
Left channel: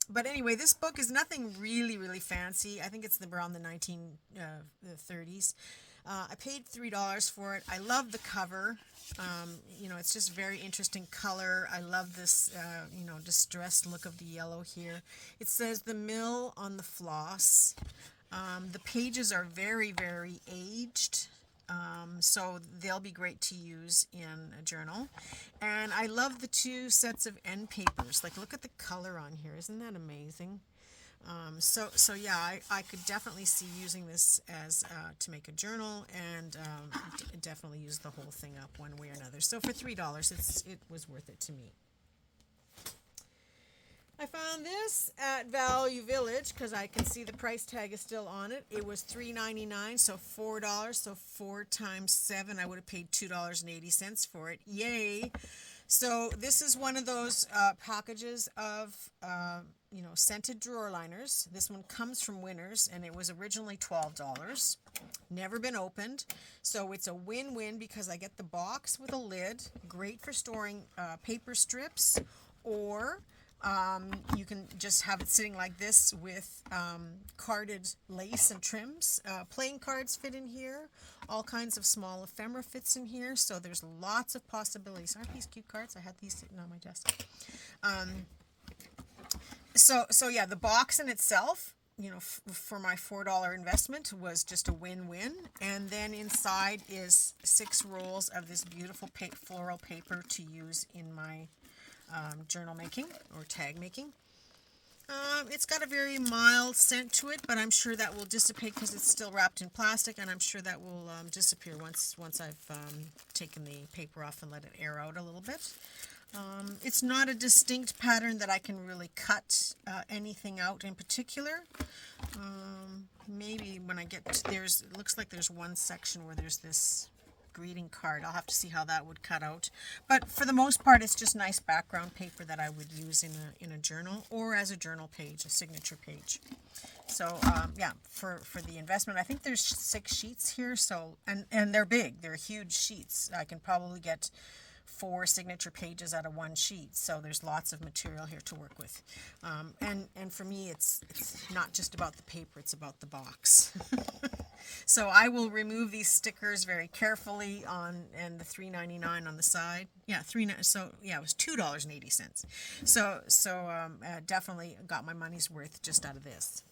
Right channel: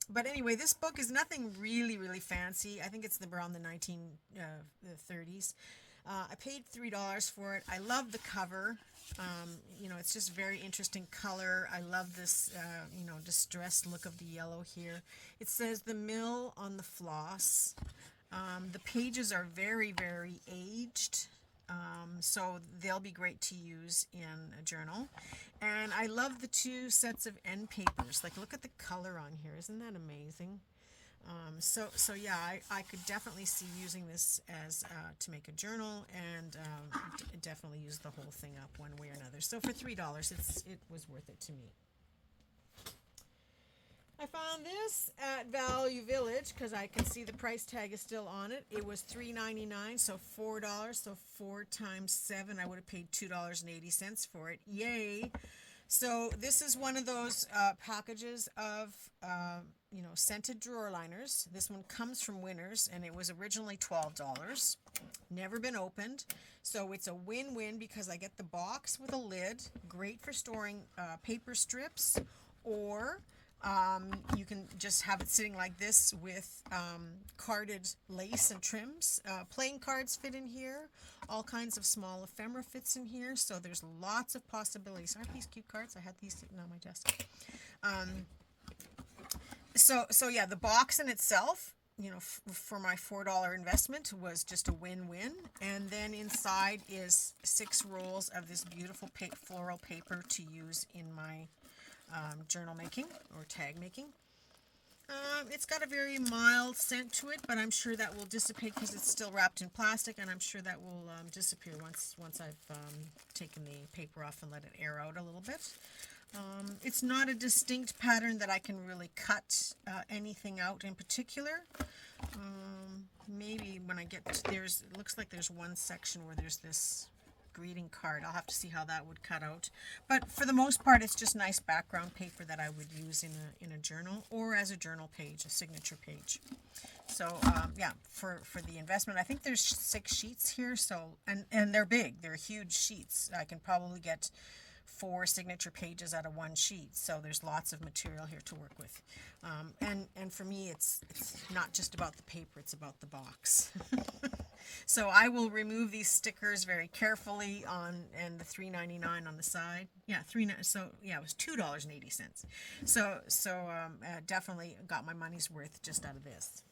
But anyway, this book is nothing really, really fancy. I think it's around the 1930s. I paid $3 for it. I love the cover. You know, it's just very interesting color. I love this, you know, distressed look of the yellow here. It says The Mill on the Floss. The pages are very, very aged. So they'll be great to use in a journal. And I love the two sets of end papers. Like, look at the color on here. Isn't that amazing? So yeah, I could definitely see using this as to make a journal, and definitely use the whole thing up one way or another. So for $3, it was worth it to me. I found this at Value Village because I can see the price tag is still on it. It was $3.99, so $4. So 4 times 7, I would have paid $2.80 for it. Yay! So this is one of those packages of you know, scented drawer liners. This one comes from Winners, and it was originally $12. Never been opened. So it's a win-win because I get the box with a lid, great for storing paper strips, or you can just have it sitting like this with carded lace and trims. Playing cards fit in here. All kinds of small ephemera fits in here. So there's lots of possibilities. Aren't these cute cards? I had these sitting on my desk. So yeah, the box in itself, you know, for my $4 investment was just a win-win. And then inside is 6 rolls of this beautiful floral paper to use in my journal making or tag making. It's got a very mild scent to it, but I'm sure that will dissipate because it's still wrapped in plastic, and I'm sure that will disappear once I've taken the paper off and let it air out a little bit. It's not a distinct pattern that I can really cut anything out in particular. Maybe when I get to, it looks like there's one section where there's this greeting card. I'll have to see how that would cut out. But for the most part, it's just nice background paper that I would use in a journal or as a journal page, a signature page. So yeah, for the investment, I think there's 6 sheets here. So and they're big. They're huge sheets. I can probably get 4 signature pages out of 1 sheet, so there's lots of material here to work with. And for me, it's not just about the paper, it's about the box. So I will remove these stickers very carefully and the $3.99 on the side. Yeah, so yeah, it was $2.80. So definitely got my money's worth just out of this.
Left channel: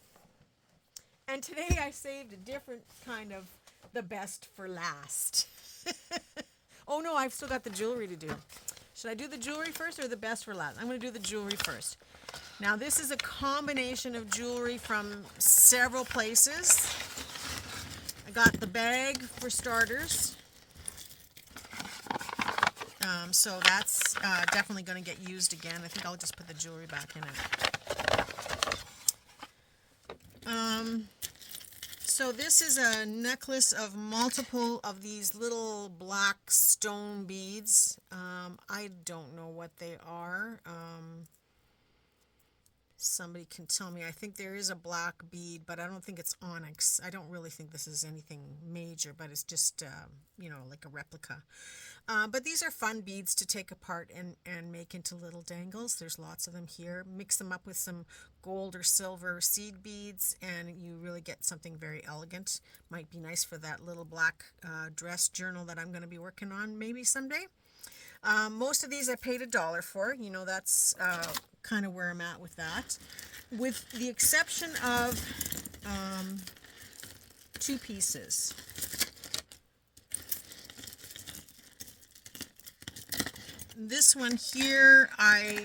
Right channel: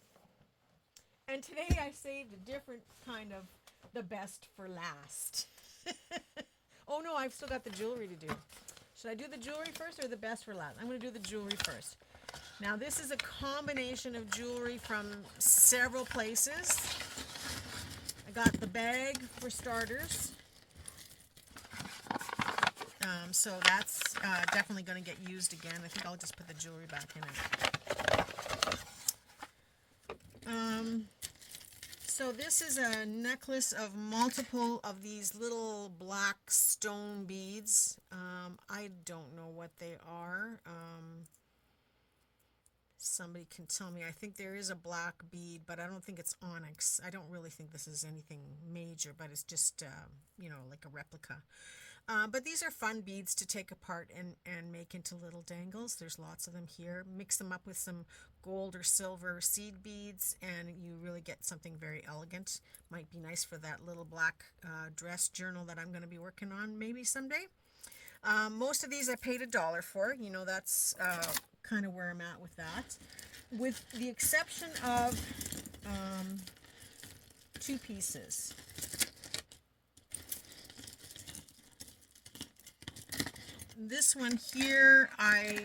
And today I saved a different kind of the best for last. Oh no, I've still got the jewelry to do. Should I do the jewelry first or the best for last? I'm going to do the jewelry first. Now this is a combination of jewelry from several places. I got the bag for starters. So that's definitely going to get used again. I think I'll just put the jewelry back in it. So this is a necklace of multiple of these little black stone beads. I don't know what they are. Somebody can tell me. I think there is a black bead, but I don't think it's onyx. I don't really think this is anything major, but it's just, like a replica. But these are fun beads to take apart and make into little dangles. There's lots of them here. Mix them up with some gold or silver seed beads, and you really get something very elegant. Might be nice for that little black dress journal that I'm going to be working on maybe someday. Most of these I paid $1 for. That's kind of where I'm at with that. With the exception of two pieces. This one here, I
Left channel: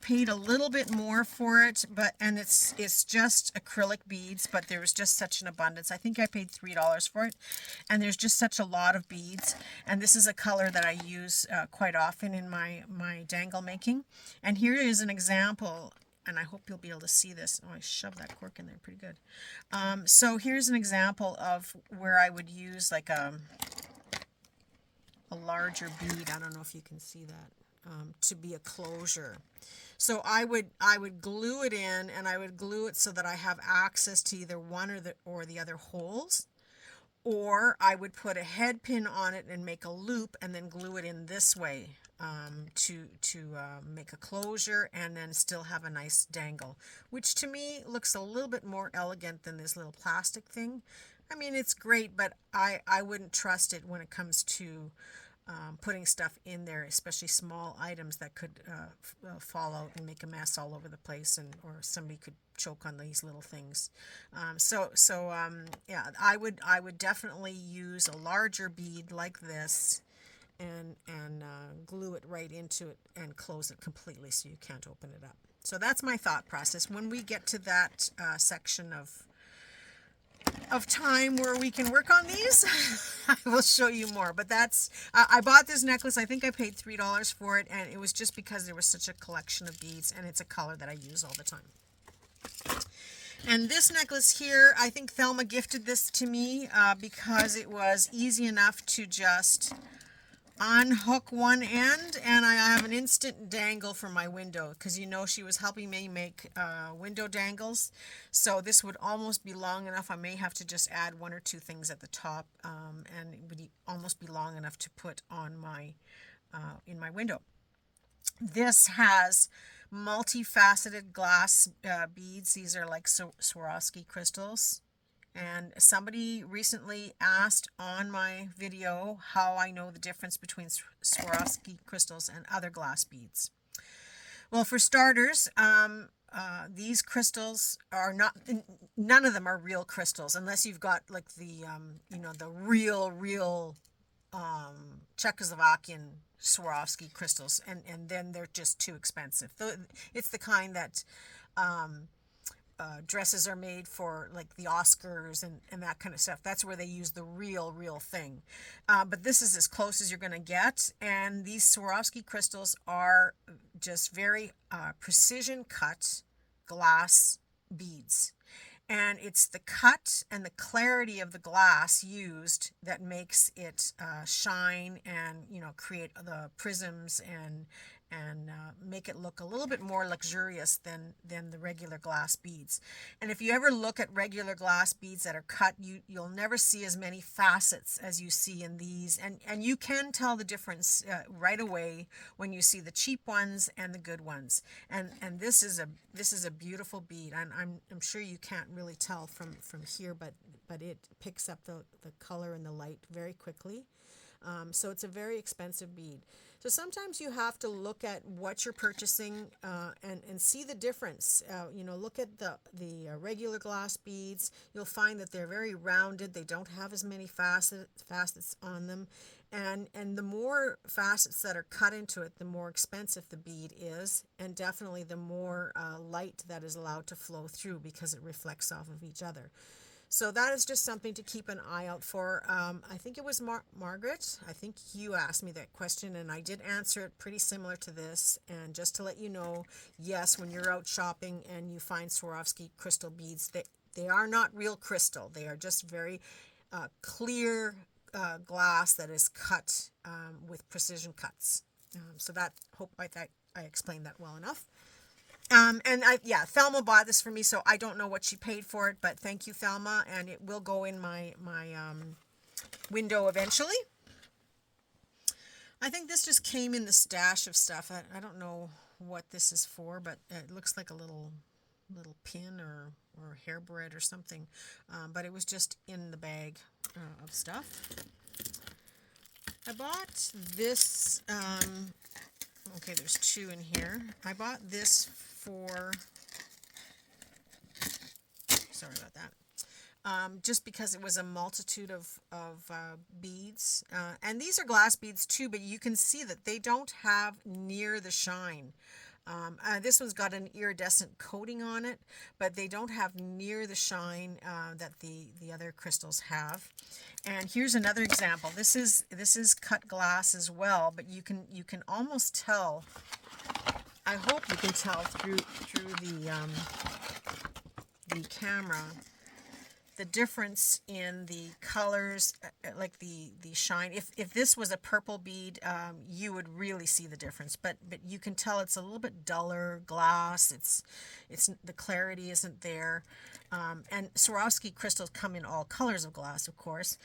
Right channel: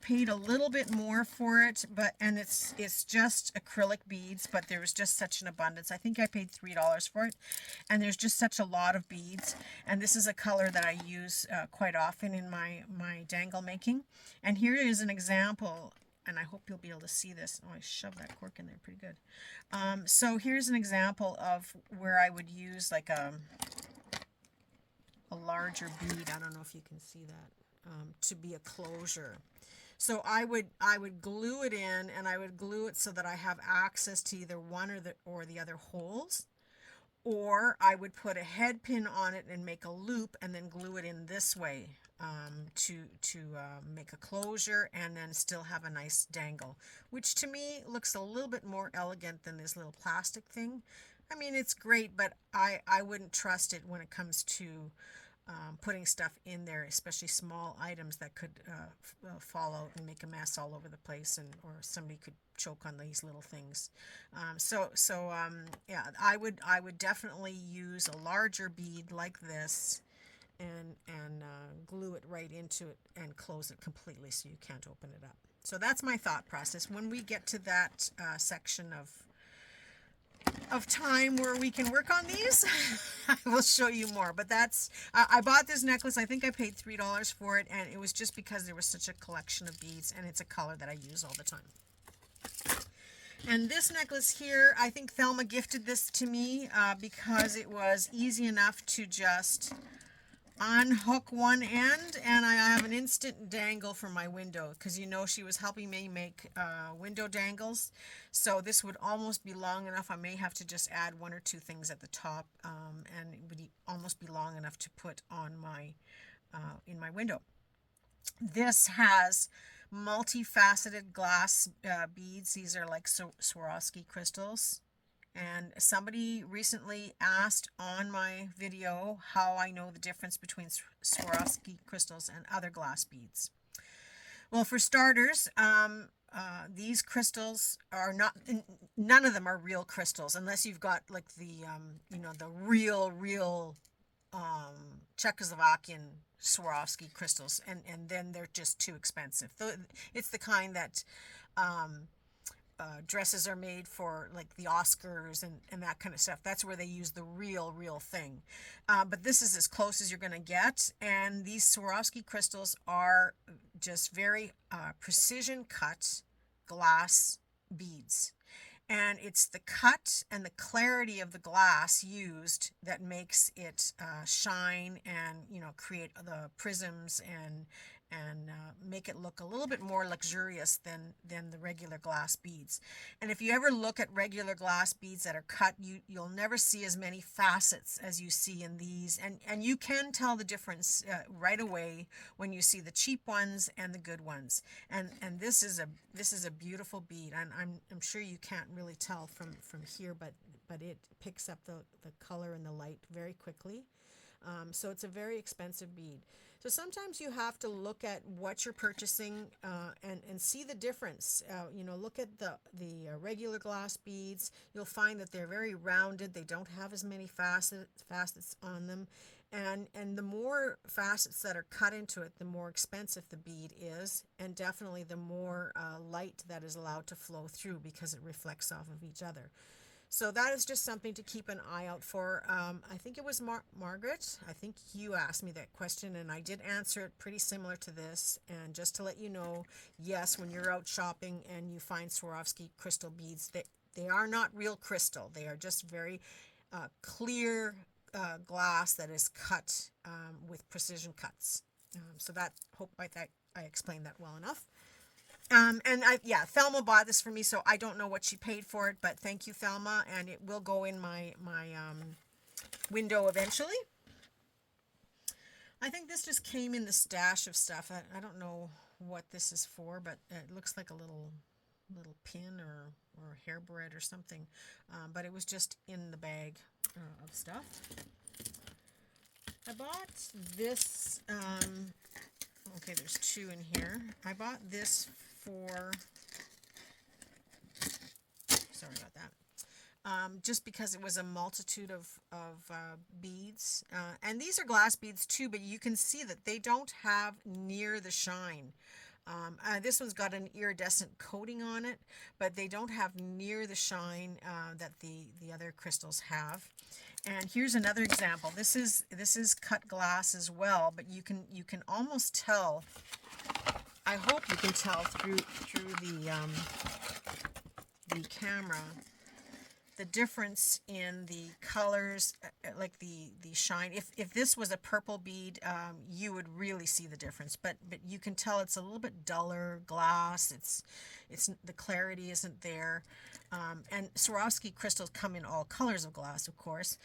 paid a little bit more for it, and it's just acrylic beads, but there was just such an abundance. I think I paid $3 for it, and there's just such a lot of beads. And this is a color that I use quite often in my dangle making. And here is an example, and I hope you'll be able to see this. Oh, I shoved that cork in there pretty good. So here's an example of where I would use like a larger bead. I don't know if you can see that, to be a closure. So I would glue it in, and I would glue it so that I have access to either one or the other holes, or I would put a head pin on it and make a loop and then glue it in this way to make a closure and then still have a nice dangle, which to me looks a little bit more elegant than this little plastic thing. I mean, it's great, but I wouldn't trust it when it comes to putting stuff in there, especially small items that could fall out and make a mess all over the place, or somebody could choke on these little things. Yeah, I would definitely use a larger bead like this and glue it right into it and close it completely so you can't open it up. So that's my thought process. When we get to that section of time where we can work on these, I will show you more. But that's, I bought this necklace. I think I paid $3 for it, and it was just because there was such a collection of beads, and it's a color that I use all the time. And this necklace here, I think Thelma gifted this to me because it was easy enough to just unhook one end, and I have an instant dangle for my window, because she was helping me make window dangles. So this would almost be long enough. I may have to just add one or two things at the top, and it would almost be long enough to put on my in my window. This has multifaceted glass beads. These are like Swarovski crystals. And somebody recently asked on my video how I know the difference between Swarovski crystals and other glass beads. Well, for starters, these crystals are none of them are real crystals, unless you've got like the real Czechoslovakian Swarovski crystals, and then they're just too expensive. It's the kind that dresses are made for, like the Oscars and that kind of stuff. That's where they use the real thing. But this is as close as you're going to get. And these Swarovski crystals are just very precision cut glass beads. And it's the cut and the clarity of the glass used that makes it shine and, create the prisms and make it look a little bit more luxurious than the regular glass beads. And if you ever look at regular glass beads that are cut, you'll never see as many facets as you see in these, and you can tell the difference right away when you see the cheap ones and the good ones. And this is a beautiful bead, and I'm sure you can't really tell from here, but it picks up the color and the light very quickly. So it's a very expensive bead. So sometimes you have to look at what you're purchasing and see the difference. Look at the regular glass beads. You'll find that they're very rounded. They don't have as many facets on them. And the more facets that are cut into it, the more expensive the bead is, and definitely the more light that is allowed to flow through, because it reflects off of each other. So that is just something to keep an eye out for. I think it was Margaret. I think you asked me that question, and I did answer it pretty similar to this. And just to let you know, yes, when you're out shopping and you find Swarovski crystal beads, They are not real crystal. They are just very clear glass that is cut with precision cuts. So that, hope I explained that well enough. Yeah, Thelma bought this for me, so I don't know what she paid for it, but thank you, Thelma, and it will go in my window eventually. I think this just came in the stash of stuff. I don't know what this is for, but it looks like a little pin or hairbread or something, but it was just in the bag of stuff. I bought this, okay, there's two in here. I bought this for, sorry about that, just because it was a multitude of beads. And these are glass beads too, but you can see that they don't have near the shine. This one's got an iridescent coating on it, but they don't have near the shine that the other crystals have. And here's another example. This is cut glass as well, but you can almost tell. I hope you can tell through the camera the difference in the colors, like the shine. If this was a purple bead, you would really see the difference. But you can tell it's a little bit duller glass. It's the clarity isn't there. And Swarovski crystals come in all colors of glass, of course,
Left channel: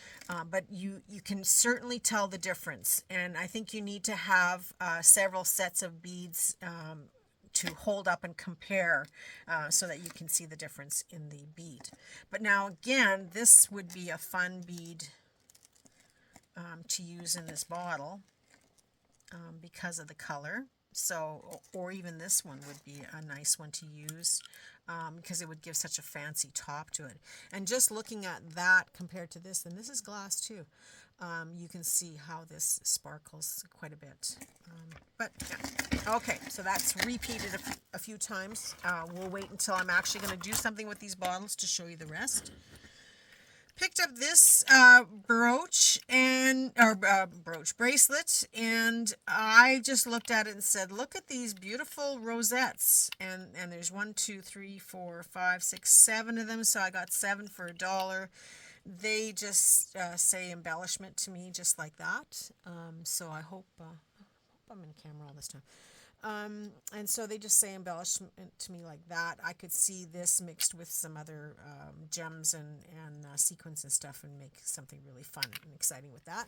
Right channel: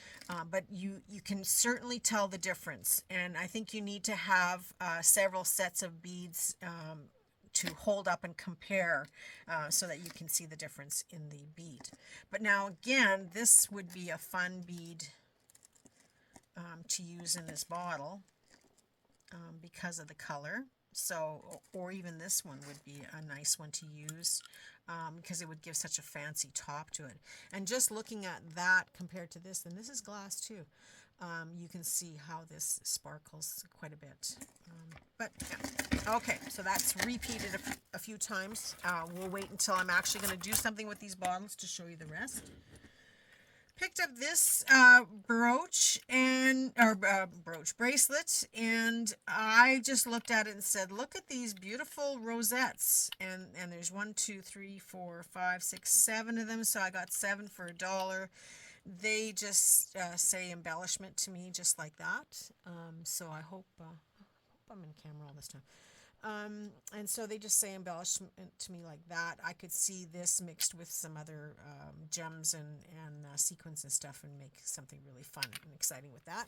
but you can certainly tell the difference. And I think you need to have several sets of beads to hold up and compare so that you can see the difference in the bead. But now again, this would be a fun bead to use in this bottle because of the color. So, or even this one would be a nice one to use because it would give such a fancy top to it. And just looking at that compared to this, and this is glass too, you can see how this sparkles quite a bit. But yeah. Okay, so that's repeated a few times. We'll wait until I'm actually going to do something with these bottles to show you the rest. Picked up this bracelet, and I just looked at it and said, look at these beautiful rosettes. And there's 1, 2, 3, 4, 5, 6, 7 of them, so I got 7 for $1. They just say embellishment to me, just like that. So I hope I'm in camera all this time. And so they just say embellishment to me like that. I could see this mixed with some other gems and sequins and stuff and make something really fun and exciting with that.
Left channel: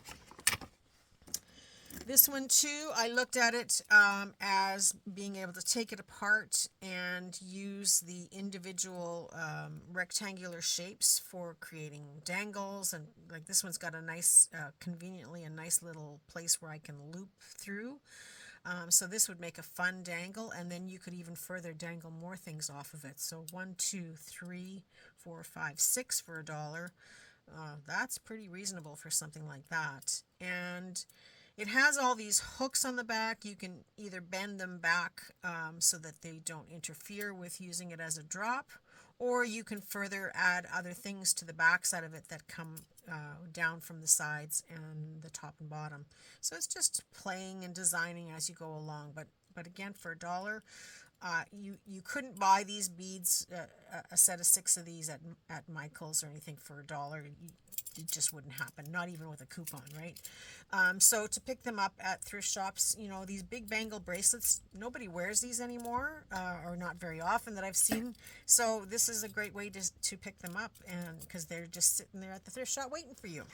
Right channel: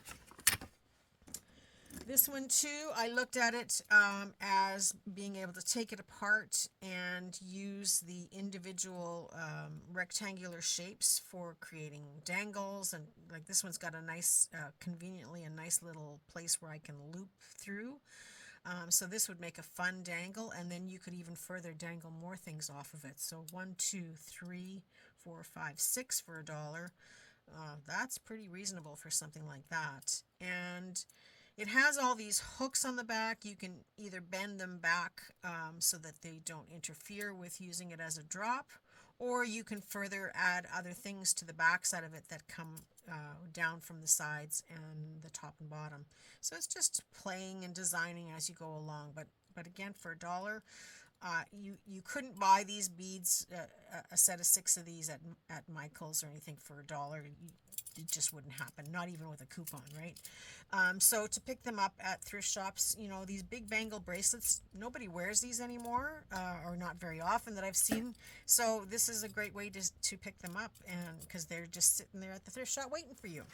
This one too, I looked at it as being able to take it apart and use the individual rectangular shapes for creating dangles. And like this one's got a nice, conveniently a nice little place where I can loop through. So this would make a fun dangle, and then you could even further dangle more things off of it. So 1, 2, 3, 4, 5, 6 for $1. That's pretty reasonable for something like that. And it has all these hooks on the back. You can either bend them back so that they don't interfere with using it as a drop, or you can further add other things to the back side of it that come down from the sides and the top and bottom. So it's just playing and designing as you go along. But again, for $1, you couldn't buy these beads, a set of 6 of these at Michael's or anything for $1. It just wouldn't happen, not even with a coupon, right? So to pick them up at thrift shops, you know, these big bangle bracelets, nobody wears these anymore, or not very often that I've seen. So this is a great way to pick them up, and because they're just sitting there at the thrift shop waiting for you.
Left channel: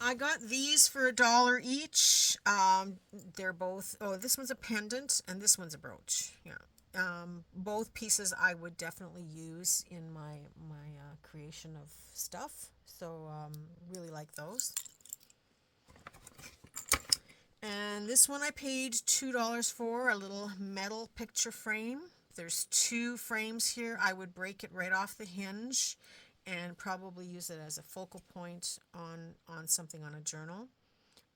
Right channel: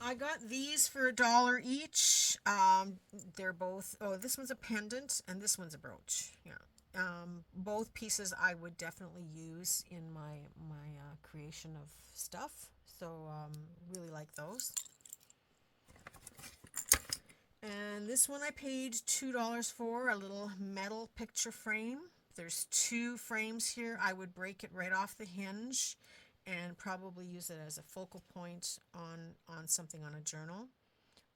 I got these for $1 each. They're both, this one's a pendant and this one's a brooch. Yeah. Both pieces I would definitely use in my creation of stuff. So really like those. And this one I paid $2 for, a little metal picture frame. There's 2 frames here. I would break it right off the hinge and probably use it as a focal point on something on a journal.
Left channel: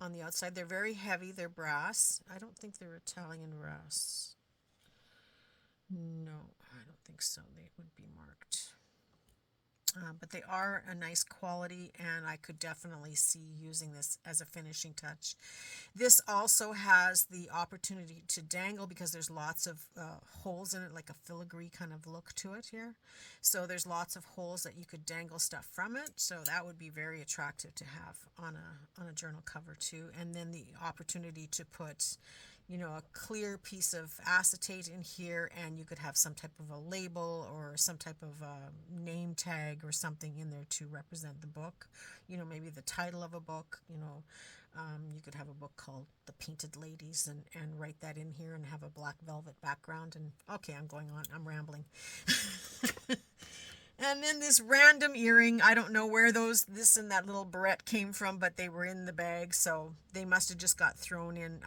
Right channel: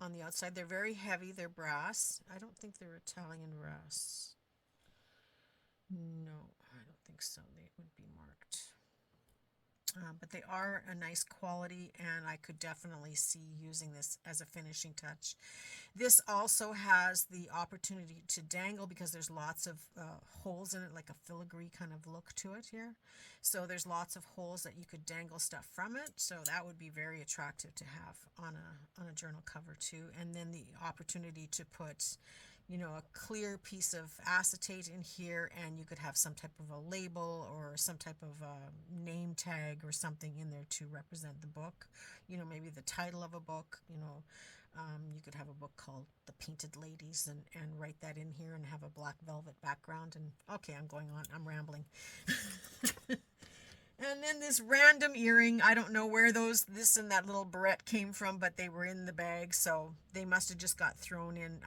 On the outside, they're very heavy. They're brass. I don't think they're Italian brass. No, I don't think so. They would be marked. But they are a nice quality, and I could definitely see using this as a finishing touch. This also has the opportunity to dangle because there's lots of holes in it, like a filigree kind of look to it here. So there's lots of holes that you could dangle stuff from it. So that would be very attractive to have on a journal cover too. And then the opportunity to put, you know, a clear piece of acetate in here, and you could have some type of a label or some type of name tag or something in there to represent the book. You know, maybe the title of a book, you know. You could have a book called The Painted Ladies and write that in here and have a black velvet background. And okay, I'm going on. I'm rambling. And then this random earring. I don't know where this and that little barrette came from, but they were in the bag, so they must have just got thrown in.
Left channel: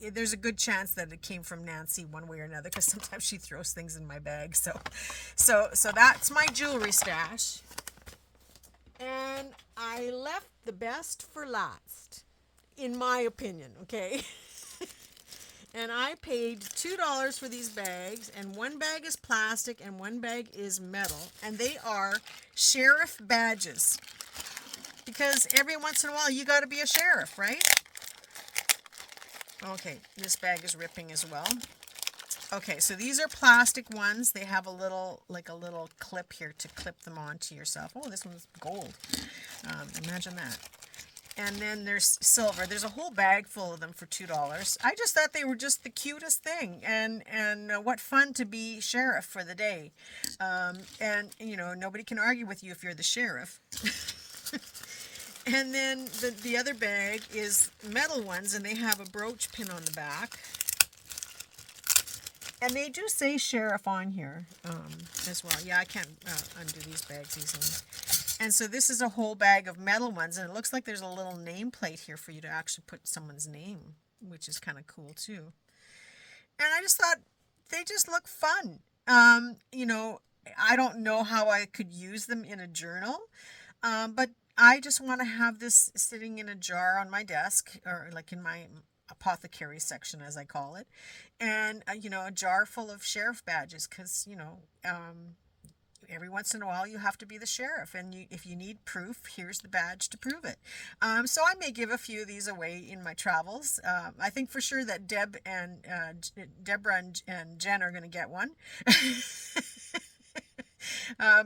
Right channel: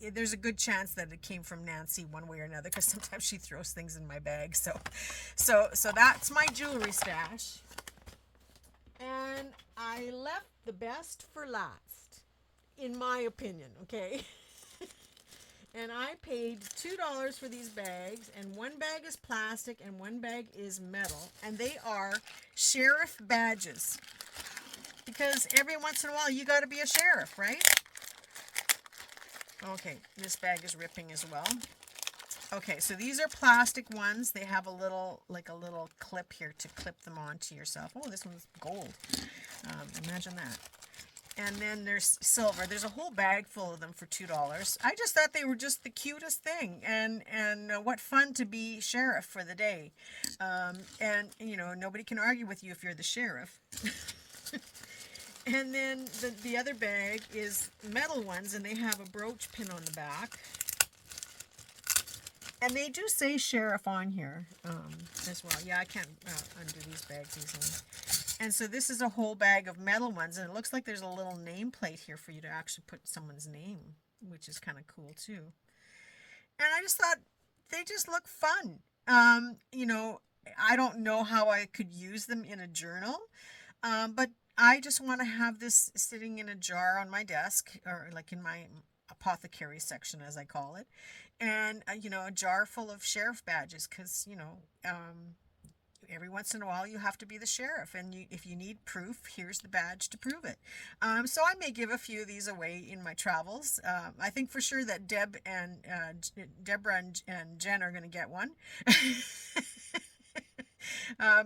There's a good chance that it came from Nancy one way or another, because sometimes she throws things in my bag. So that's my jewelry stash. And I left the best for last, in my opinion, okay? And I paid $2 for these bags, and one bag is plastic and one bag is metal, and they are sheriff badges. Because every once in a while you got to be a sheriff, right? Okay, this bag is ripping as well. Okay, so these are plastic ones. They have a little clip here to clip them onto yourself. Oh, this one's gold. Imagine that. And then there's silver. There's a whole bag full of them for $2. I just thought they were just the cutest thing. And what fun to be sheriff for the day. And, you know, nobody can argue with you if you're the sheriff. And then the other bag is metal ones, and they have a brooch pin on the back. And they do say sheriff on here as well. Yeah, I can't undo these bags easily. And so this is a whole bag of metal ones, and it looks like there's a little nameplate here for you to actually put someone's name, which is kind of cool too. And I just thought they just look fun. You know, I don't know how I could use them in a journal, but I just want to have this sitting in a jar on my desk, or like in my apothecary section, as I call it. And, you know, a jar full of sheriff badges, because, you know, every once in a while you have to be the sheriff, and if you need proof, here's the badge to prove it. So I may give a few of these away in my travels. I think for sure that Deborah and Jen are going to get one.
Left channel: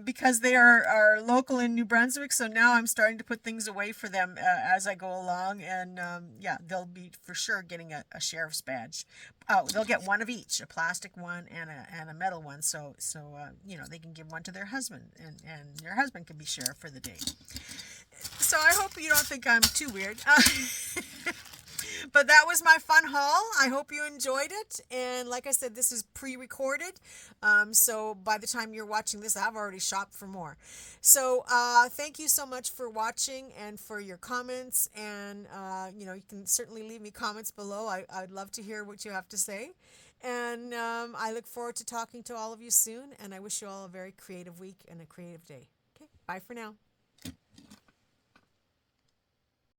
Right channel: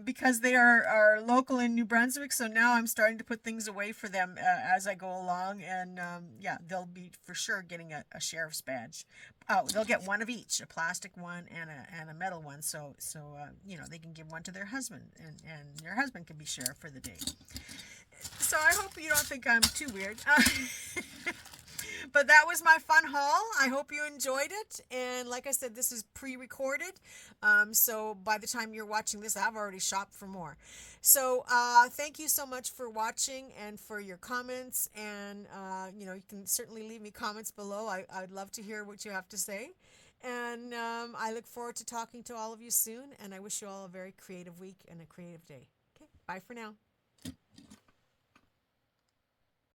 Because they are local in New Brunswick, so now I'm starting to put things away for them as I go along, and yeah, they'll be for sure getting a sheriff's badge. Oh, they'll get one of each, a plastic one and a metal one, so you know, they can give one to their husband, and their husband can be sheriff for the day. So I hope you don't think I'm too weird. But that was my fun haul. I hope you enjoyed it. And like I said, this is pre-recorded. So by the time you're watching this, I've already shopped for more. So thank you so much for watching and for your comments. And, you know, you can certainly leave me comments below. I'd love to hear what you have to say. And I look forward to talking to all of you soon. And I wish you all a very creative week and a creative day. Okay, bye for now.